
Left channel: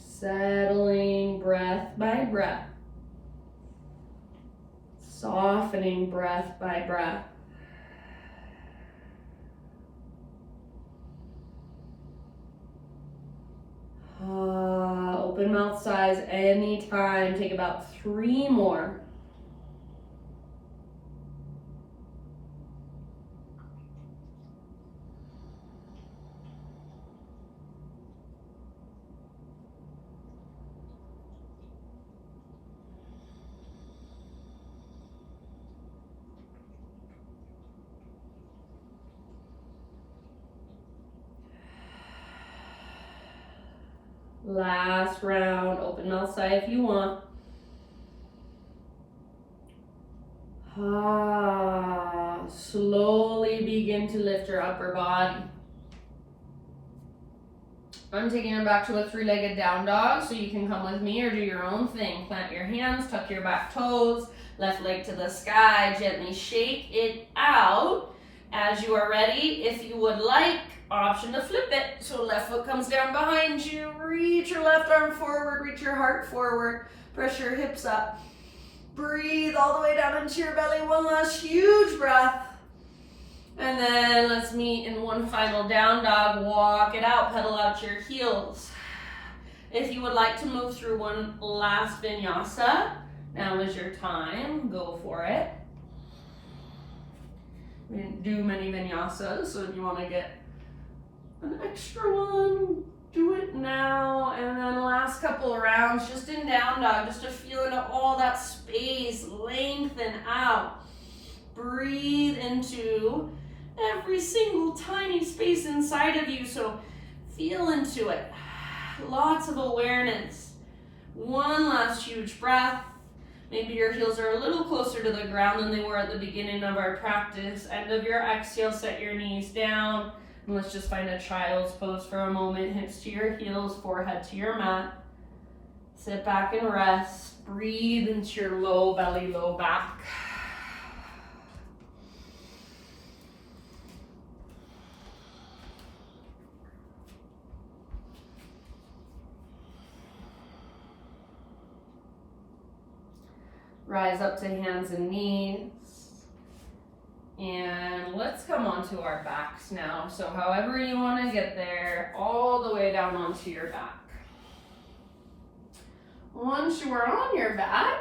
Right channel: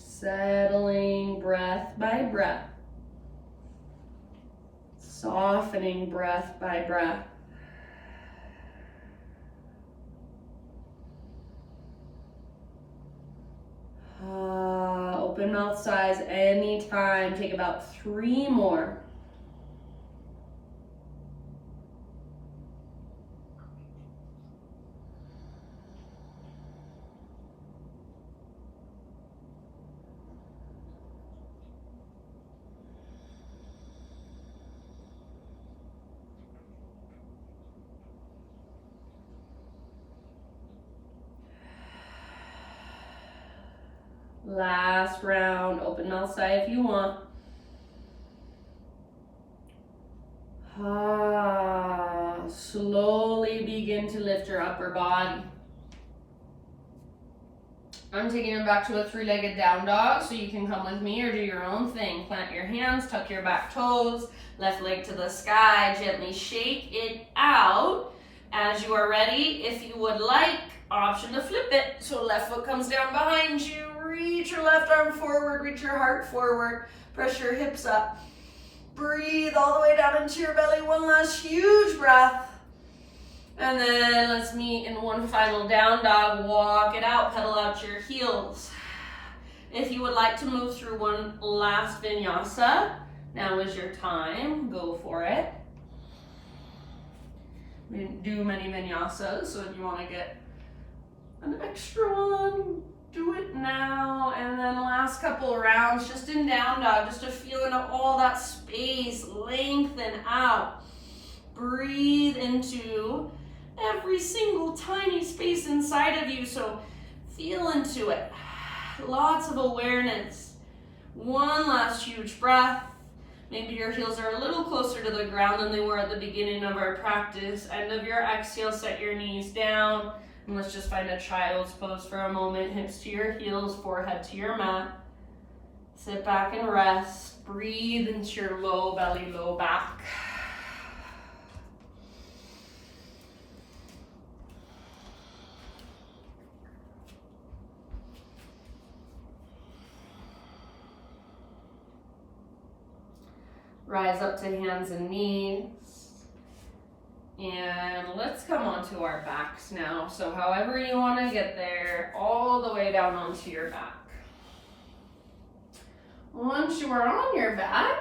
Settling breath by breath. Softening breath by breath. Open mouth size anytime. Take about 3 more. Last round, open mouth sigh if you want. Slowly begin to lift your upper body. I'm taking it back to a 3-legged down dog, so you can come with me or do your own thing. Plant your hands, tuck your back toes, left leg to the sky, gently shake it out. As you are ready, if you would like, option to flip it. So left foot comes down behind you, reach your left arm forward, reach your heart forward, press your hips up. Breathe all the way down into your belly, one last huge breath. And then let's meet in one final down dog, walk it out, pedal out your heels. If you would like to move through one last vinyasa, now is your time, go for it. We didn't do many vinyasas, so if you want to get an extra one, do it now. And then last couple rounds, just in down dog, just to feel into all that space, lengthen out. Breathe into every single tiny space inside of you, so feel into it. Lots of awareness. One last huge breath. Maybe your heels are a little closer to the ground than they were at the beginning of our practice. End of your exhale, set your knees down. And let's just find a child's pose for a moment. Hips to your heels, forehead to your mat. Sit back and rest. Breathe into your low belly, low back. Rise up to hands and knees. And let's come onto our backs now. So however you want to get there, all the way down onto your back. Once you are on your back,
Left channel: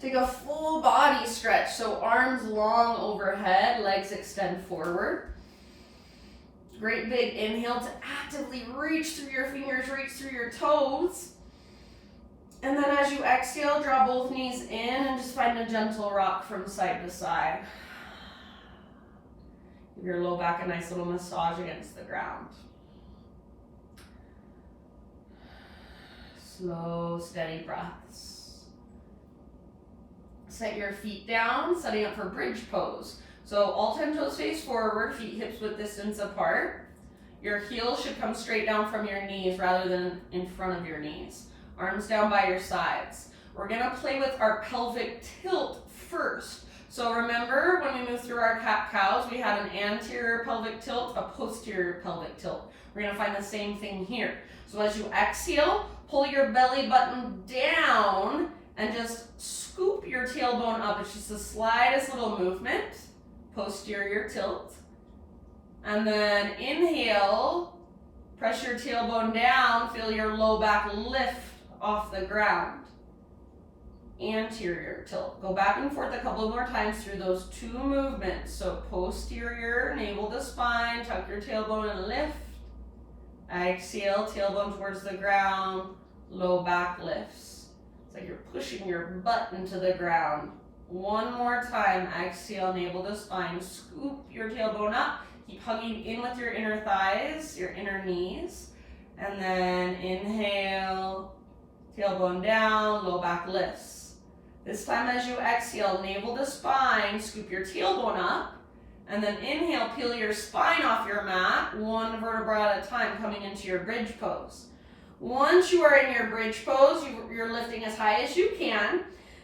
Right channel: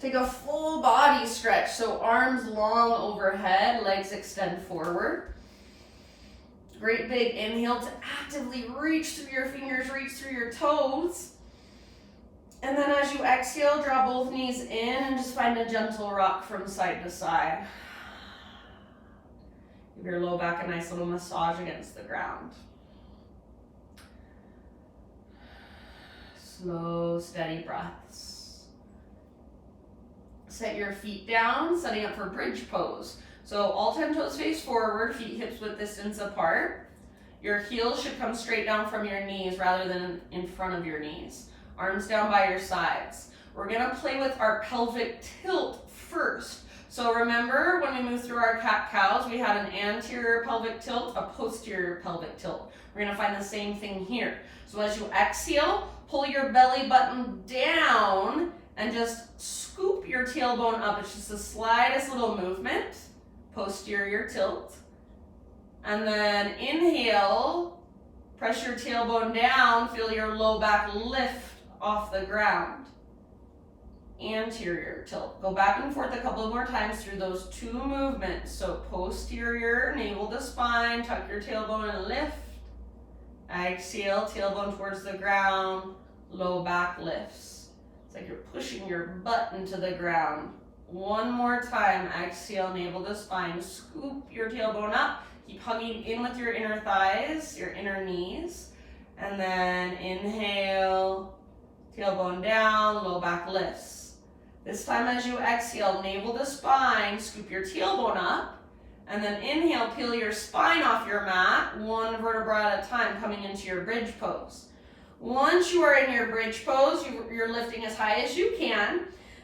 take a full body stretch. So arms long overhead, legs extend forward. Great big inhale to actively reach through your fingers, reach through your toes. And then as you exhale, draw both knees in and just find a gentle rock from side to side. Give your low back a nice little massage against the ground. Slow, steady breaths. Set your feet down, setting up for bridge pose. So all 10 toes face forward, feet hips width distance apart. Your heels should come straight down from your knees rather than in front of your knees. Arms down by your sides. We're gonna play with our pelvic tilt first. So remember when we moved through our cat-cows, we had an anterior pelvic tilt, a posterior pelvic tilt. We're gonna find the same thing here. So as you exhale, pull your belly button down and just scoop your tailbone up. It's just the slightest little movement, posterior tilt. And then inhale, press your tailbone down, feel your low back lift off the ground. Anterior tilt. Go back and forth a couple more times through those two movements. So posterior, navel to spine, tuck your tailbone and lift. Exhale, tailbone towards the ground, low back lifts. It's like you're pushing your butt into the ground. One more time, exhale, navel to spine, scoop your tailbone up. Keep hugging in with your inner thighs, your inner knees. And then inhale, tailbone down, low back lifts. This time as you exhale, navel to spine, scoop your tailbone up. And then inhale, peel your spine off your mat, one vertebra at a time, coming into your bridge pose. Once you are in your bridge pose, you're lifting as high as you can.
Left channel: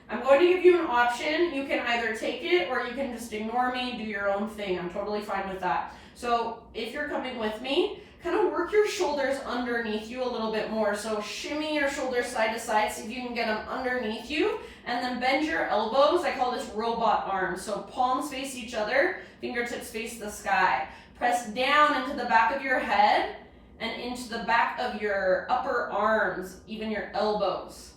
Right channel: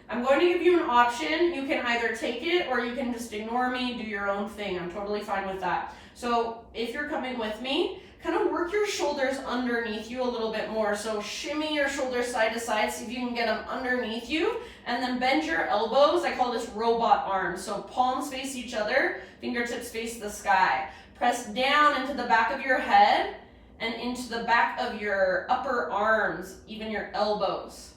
I'm going to give you an option. You can either take it or you can just ignore me, do your own thing. I'm totally fine with that. So if you're coming with me, kind of work your shoulders underneath you a little bit more. So shimmy your shoulders side to side, see if you can get them underneath you, and then bend your elbows. I call this robot arms. So palms face each other, fingertips face the sky. Press down into the back of your head and into the back of your upper arms, even your elbows.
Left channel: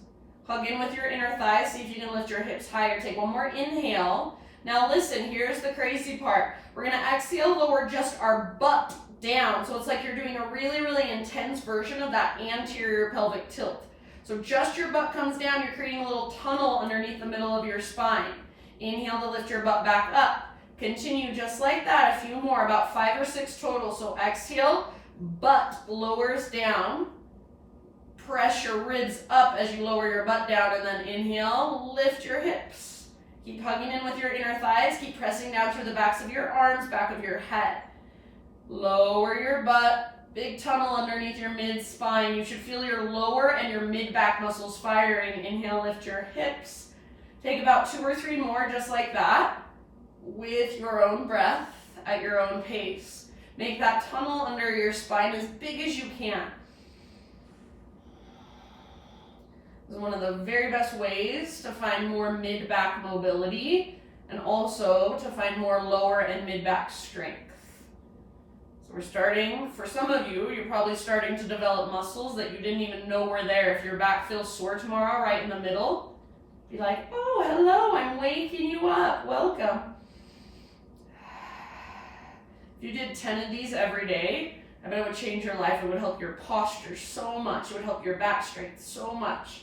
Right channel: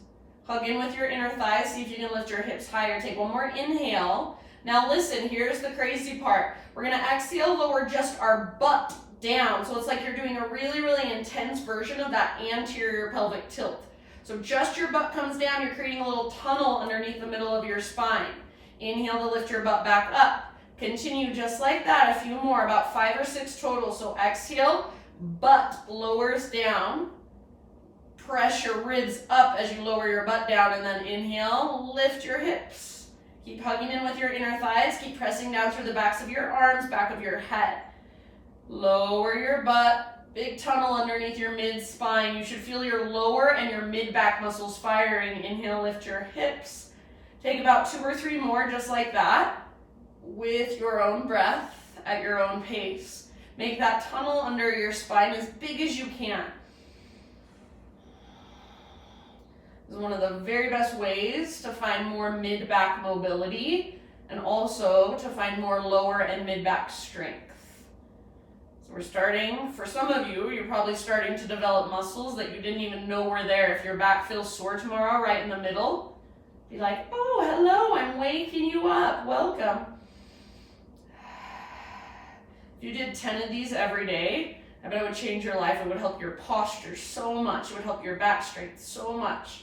Hug in with your inner thighs, see if you can lift your hips higher. Take one more inhale. Now listen, here's the crazy part. We're gonna exhale, lower just our butt down. So it's like you're doing a really, really intense version of that anterior pelvic tilt. So just your butt comes down, you're creating a little tunnel underneath the middle of your spine. Inhale to lift your butt back up. Continue just like that, a few more, about 5 or 6 total. So exhale, butt lowers down. Press your ribs up as you lower your butt down, and then inhale, lift your hips. Keep hugging in with your inner thighs, keep pressing down through the backs of your arms, back of your head. Lower your butt, big tunnel underneath your mid-spine. You should feel your lower and your mid-back muscles firing. Inhale, lift your hips. Take about 2 or 3 more just like that with your own breath at your own pace. Make that tunnel under your spine as big as you can. This is one of the very best ways to find more mid-back mobility and also to find more lower and mid-back strength. So we're starting, for some of you, you're probably starting to develop muscles that you didn't even know were there. If your back feels sore tomorrow, right in the middle, be like, oh, hello, I'm waking you up, welcome. If you did 10 of these every day, I bet it would change your life. It would help your posture so much. It would help your back strength so much.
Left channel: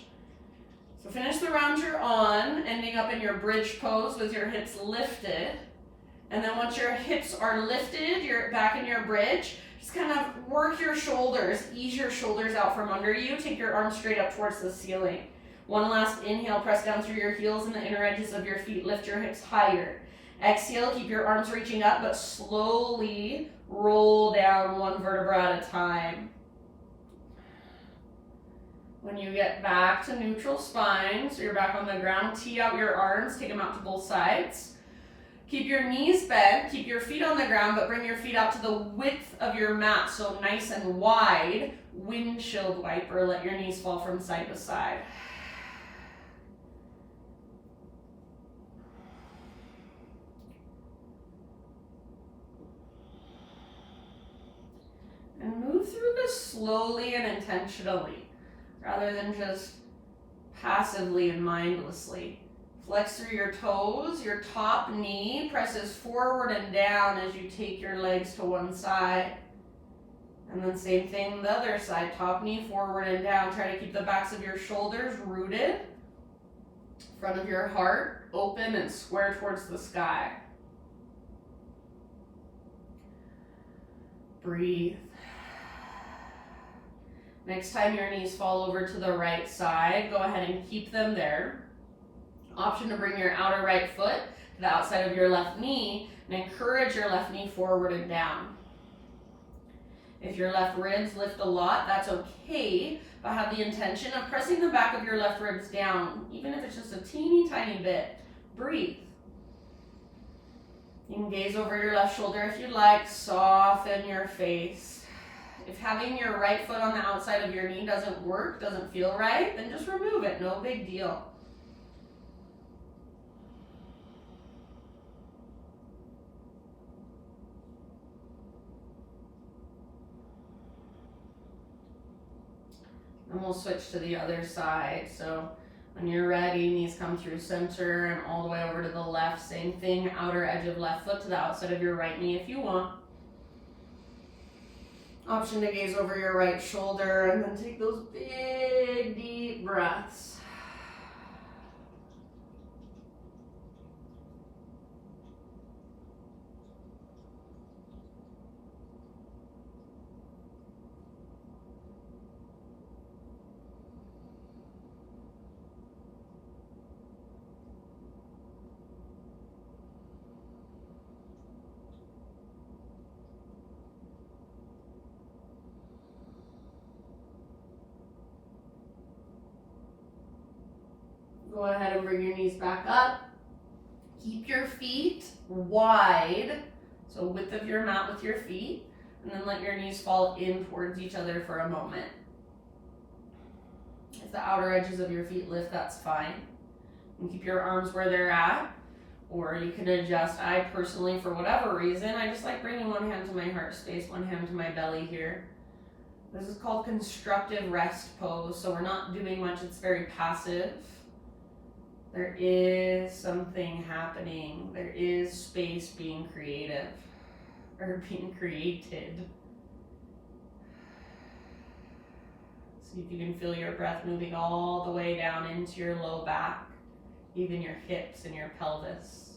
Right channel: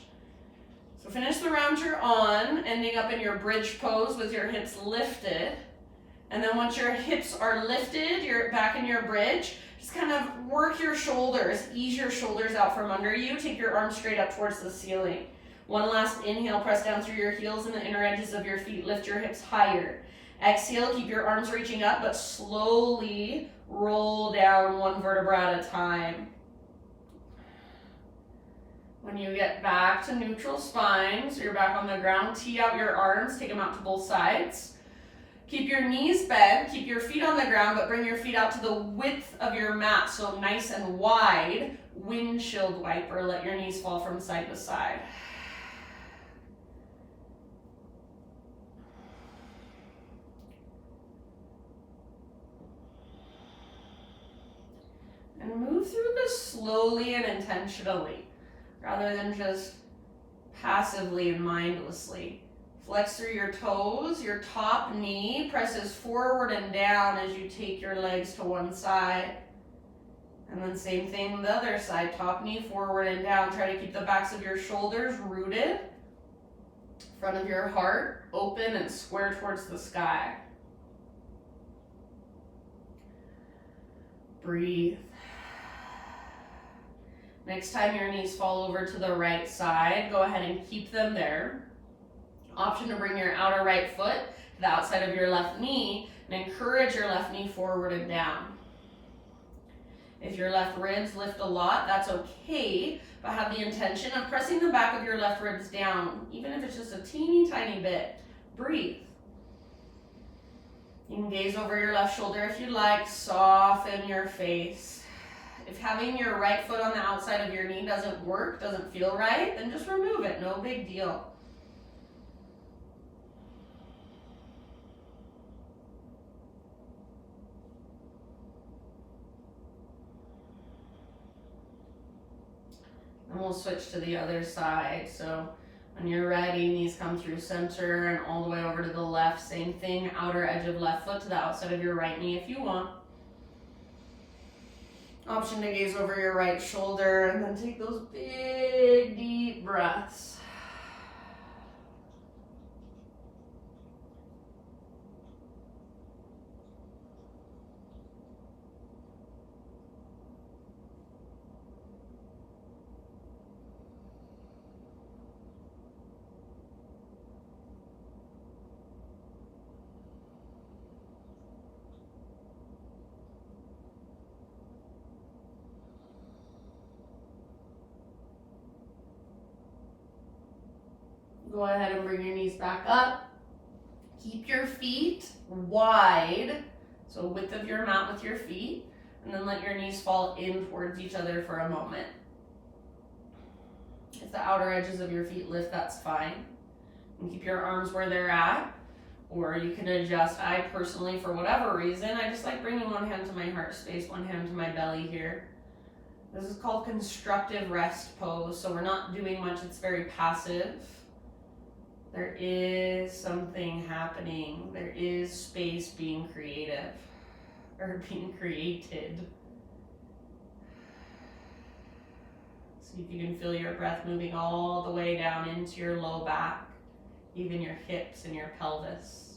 So finish the round you're on, ending up in your bridge pose with your hips lifted. And then once your hips are lifted, you're back in your bridge, just kind of work your shoulders, ease your shoulders out from under you, take your arms straight up towards the ceiling. One last inhale, press down through your heels and the inner edges of your feet, lift your hips higher. Exhale, keep your arms reaching up, but slowly roll down one vertebra at a time. When you get back to neutral spine, so you're back on the ground, tee out your arms, take them out to both sides. Keep your knees bent, keep your feet on the ground, but bring your feet out to the width of your mat, so nice and wide. Windshield wiper, let your knees fall from side to side. slowly and intentionally, rather than just passively and mindlessly. Flex through your toes. Your top knee presses forward and down as you take your legs to one side. And then same thing the other side. Top knee forward and down. Try to keep the backs of your shoulders rooted. Front of your heart open and square towards the sky. Breathe. Next time your knees fall over to the right side, go ahead and keep them there. Option to bring your outer right foot to the outside of your left knee and encourage your left knee forward and down. If your left ribs lift a lot, that's okay, but have the intention of pressing the back of your left ribs down, even if it's just a teeny tiny bit. Breathe. You can gaze over your left shoulder if you'd like. Soften your face. If having your right foot on the outside of your knee doesn't work, doesn't feel right, then just remove it. No big deal. And we'll switch to the other side. So when you're ready, knees come through center and all the way over to the left. Same thing, outer edge of left foot to the outside of your right knee if you want. Option to gaze over your right shoulder and then take those big, deep breaths. Go ahead and bring your knees back up. Keep your feet wide, so width of your mat with your feet, and then let your knees fall in towards each other for a moment. If the outer edges of your feet lift, that's fine. And keep your arms where they're at, or you can adjust. I personally, for whatever reason, I just like bringing one hand to my heart space, one hand to my belly here. This is called Constructive Rest Pose, so we're not doing much, it's very passive. There is something happening. There is space being creative, or being created. See if you can feel your breath moving all the way down into your low back, even your hips and your pelvis.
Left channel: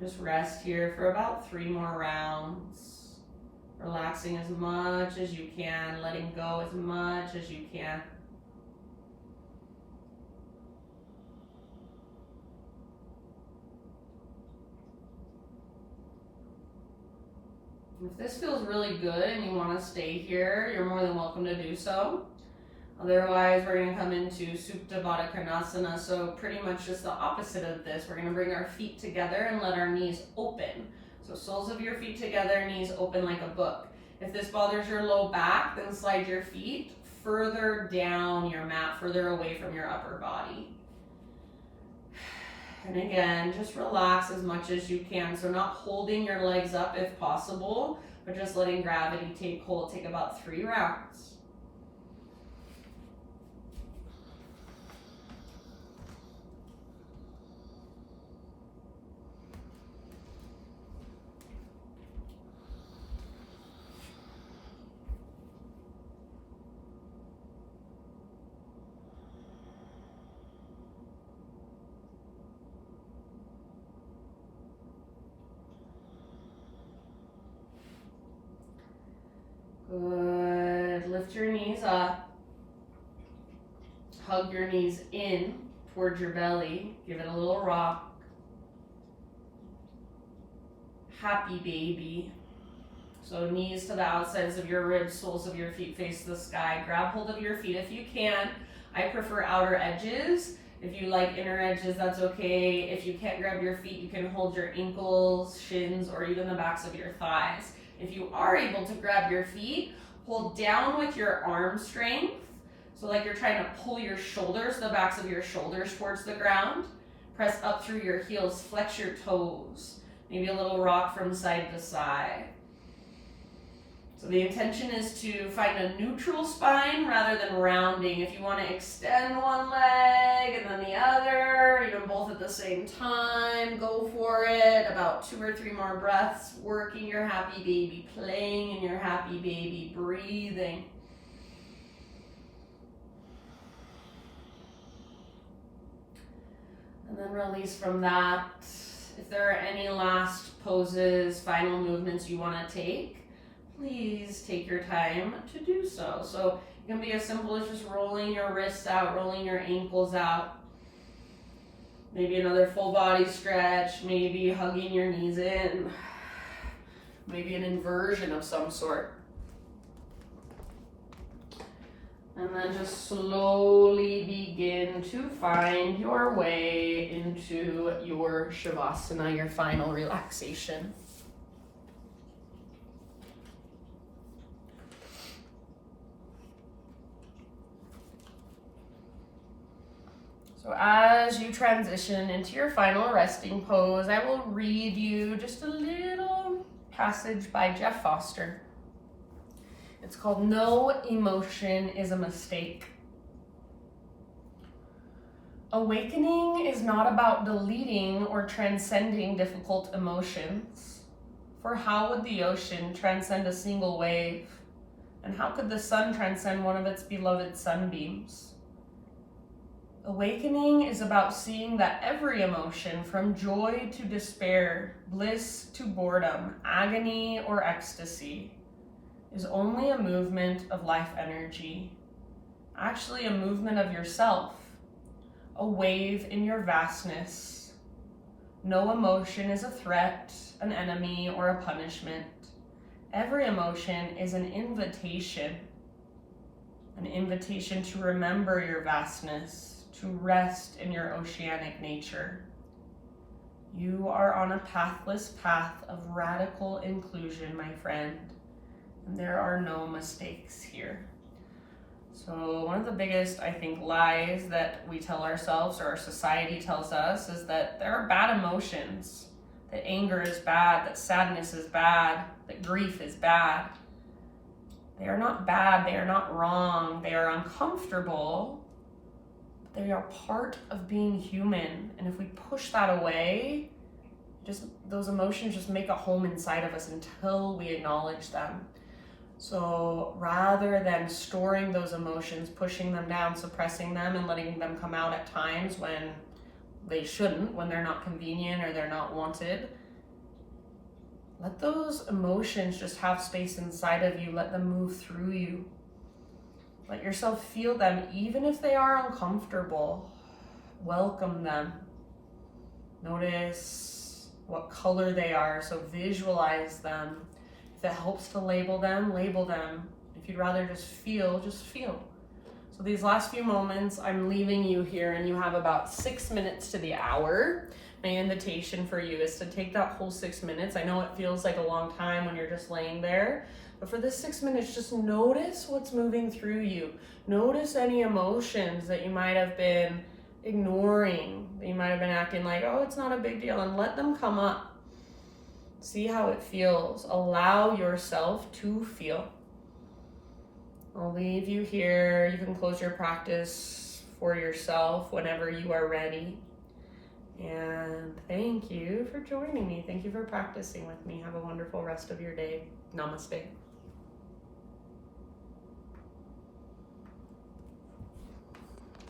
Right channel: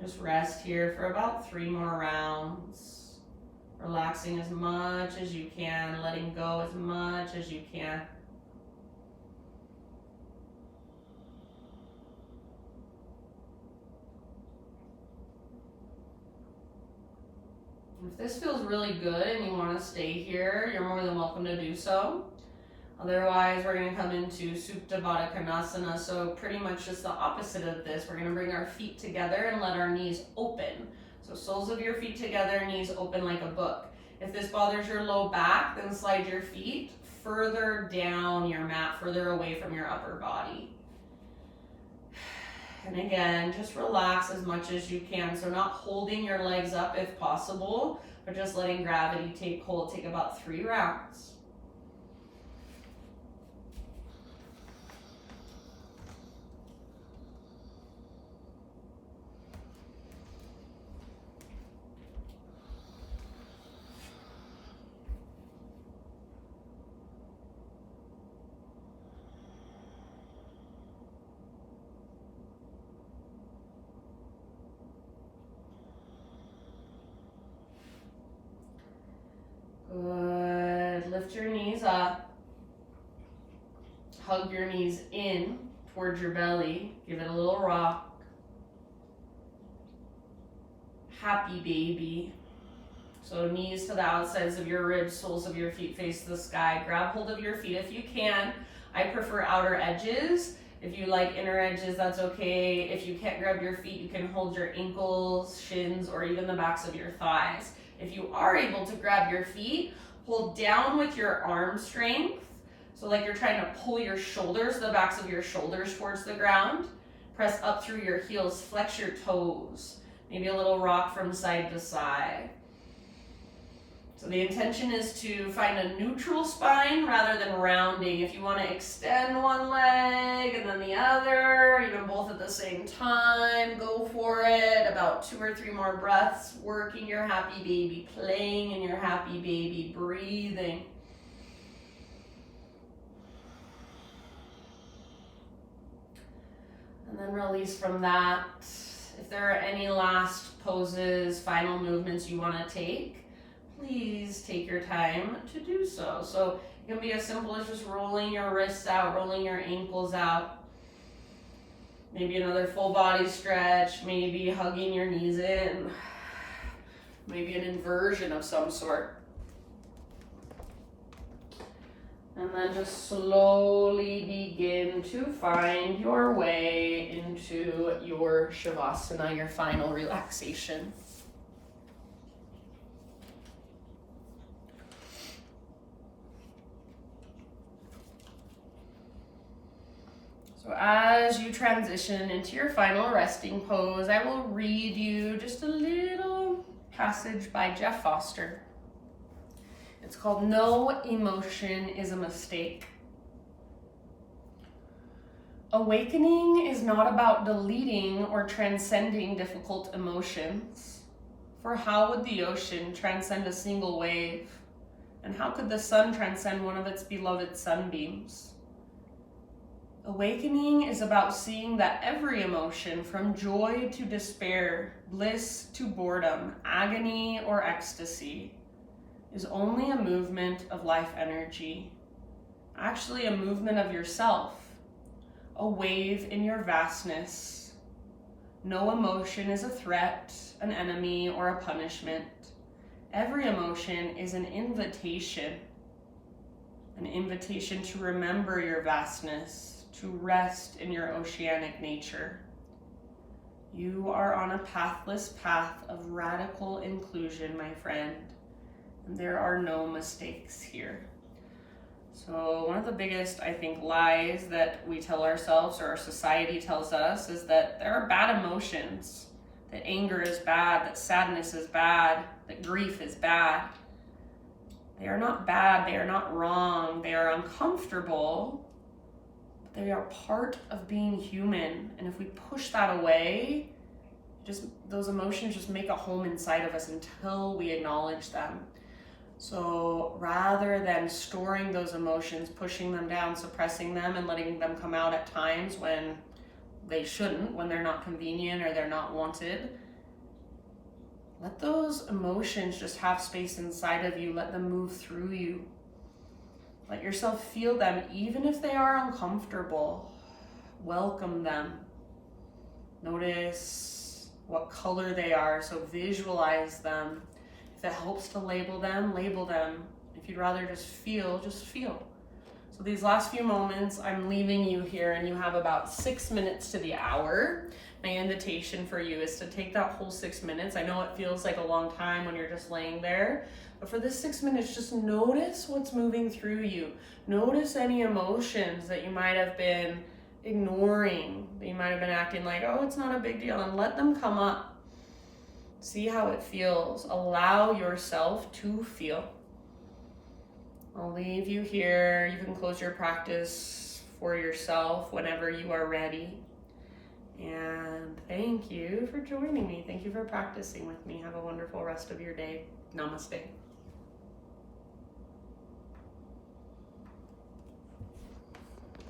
Just rest here for about 3 more rounds. Relaxing as much as you can, letting go as much as you can. If this feels really good and you want to stay here, you're more than welcome to do so. Otherwise, we're going to come into Supta Baddha Konasana, so pretty much just the opposite of this. We're going to bring our feet together and let our knees open. So soles of your feet together, knees open like a book. If this bothers your low back, then slide your feet further down your mat, further away from your upper body. And again, just relax as much as you can. So not holding your legs up if possible, but just letting gravity take hold. Take about 3 rounds. Good. Lift your knees up. Hug your knees in towards your belly. Give it a little rock. Happy baby. So knees to the outsides of your ribs, soles of your feet face the sky. Grab hold of your feet if you can. I prefer outer edges. If you like inner edges, that's okay. If you can't grab your feet, you can hold your ankles, shins, or even the backs of your thighs. If you are able to grab your feet, hold down with your arm strength. So like you're trying to pull your shoulders, the backs of your shoulders towards the ground. Press up through your heels, flex your toes. Maybe a little rock from side to side. So the intention is to find a neutral spine rather than rounding. If you want to extend one leg and then the other, even both at the same time, go for it. About 2 or 3 more breaths, working your happy baby, playing in your happy baby, breathing. And then release from that. If there are any last poses, final movements you want to take, please take your time to do so. So it can be as simple as just rolling your wrists out, rolling your ankles out. Maybe another full body stretch, maybe hugging your knees in, maybe an inversion of some sort. And then just slowly begin to find your way into your Shavasana, your final relaxation. So as you transition into your final resting pose, I will read you just a little passage by Jeff Foster. It's called No Emotion is a Mistake. Awakening is not about deleting or transcending difficult emotions. For how would the ocean transcend a single wave? And how could the sun transcend one of its beloved sunbeams? Awakening is about seeing that every emotion, from joy to despair, bliss to boredom, agony or ecstasy, is only a movement of life energy, actually a movement of yourself, a wave in your vastness. No emotion is a threat, an enemy, or a punishment. Every emotion is an invitation to remember your vastness, to rest in your oceanic nature. You are on a pathless path of radical inclusion, my friend, and there are no mistakes here. So one of the biggest, I think, lies that we tell ourselves or our society tells us is that there are bad emotions, that anger is bad, that sadness is bad, that grief is bad. They are not bad, they are not wrong, they are uncomfortable. They are part of being human, and if we push that away, those emotions just make a home inside of us until we acknowledge them. So rather than storing those emotions, pushing them down, suppressing them, and letting them come out at times when they shouldn't, when they're not convenient or they're not wanted, let those emotions just have space inside of you. Let them move through you. Let yourself feel them, even if they are uncomfortable. Welcome them. Notice what color they are, so visualize them. If it helps to label them, label them. If you'd rather just feel, just feel. So these last few moments, I'm leaving you here, and you have about 6 minutes to the hour. My invitation for you is to take that whole 6 minutes. I know it feels like a long time when you're just laying there, but for this 6 minutes, just notice what's moving through you. Notice any emotions that you might have been ignoring, that you might have been acting like, oh, it's not a big deal, and let them come up. See how it feels. Allow yourself to feel. I'll leave you here. You can close your practice for yourself whenever you are ready. And thank you for joining me. Thank you for practicing with me. Have a wonderful rest of your day. Namaste.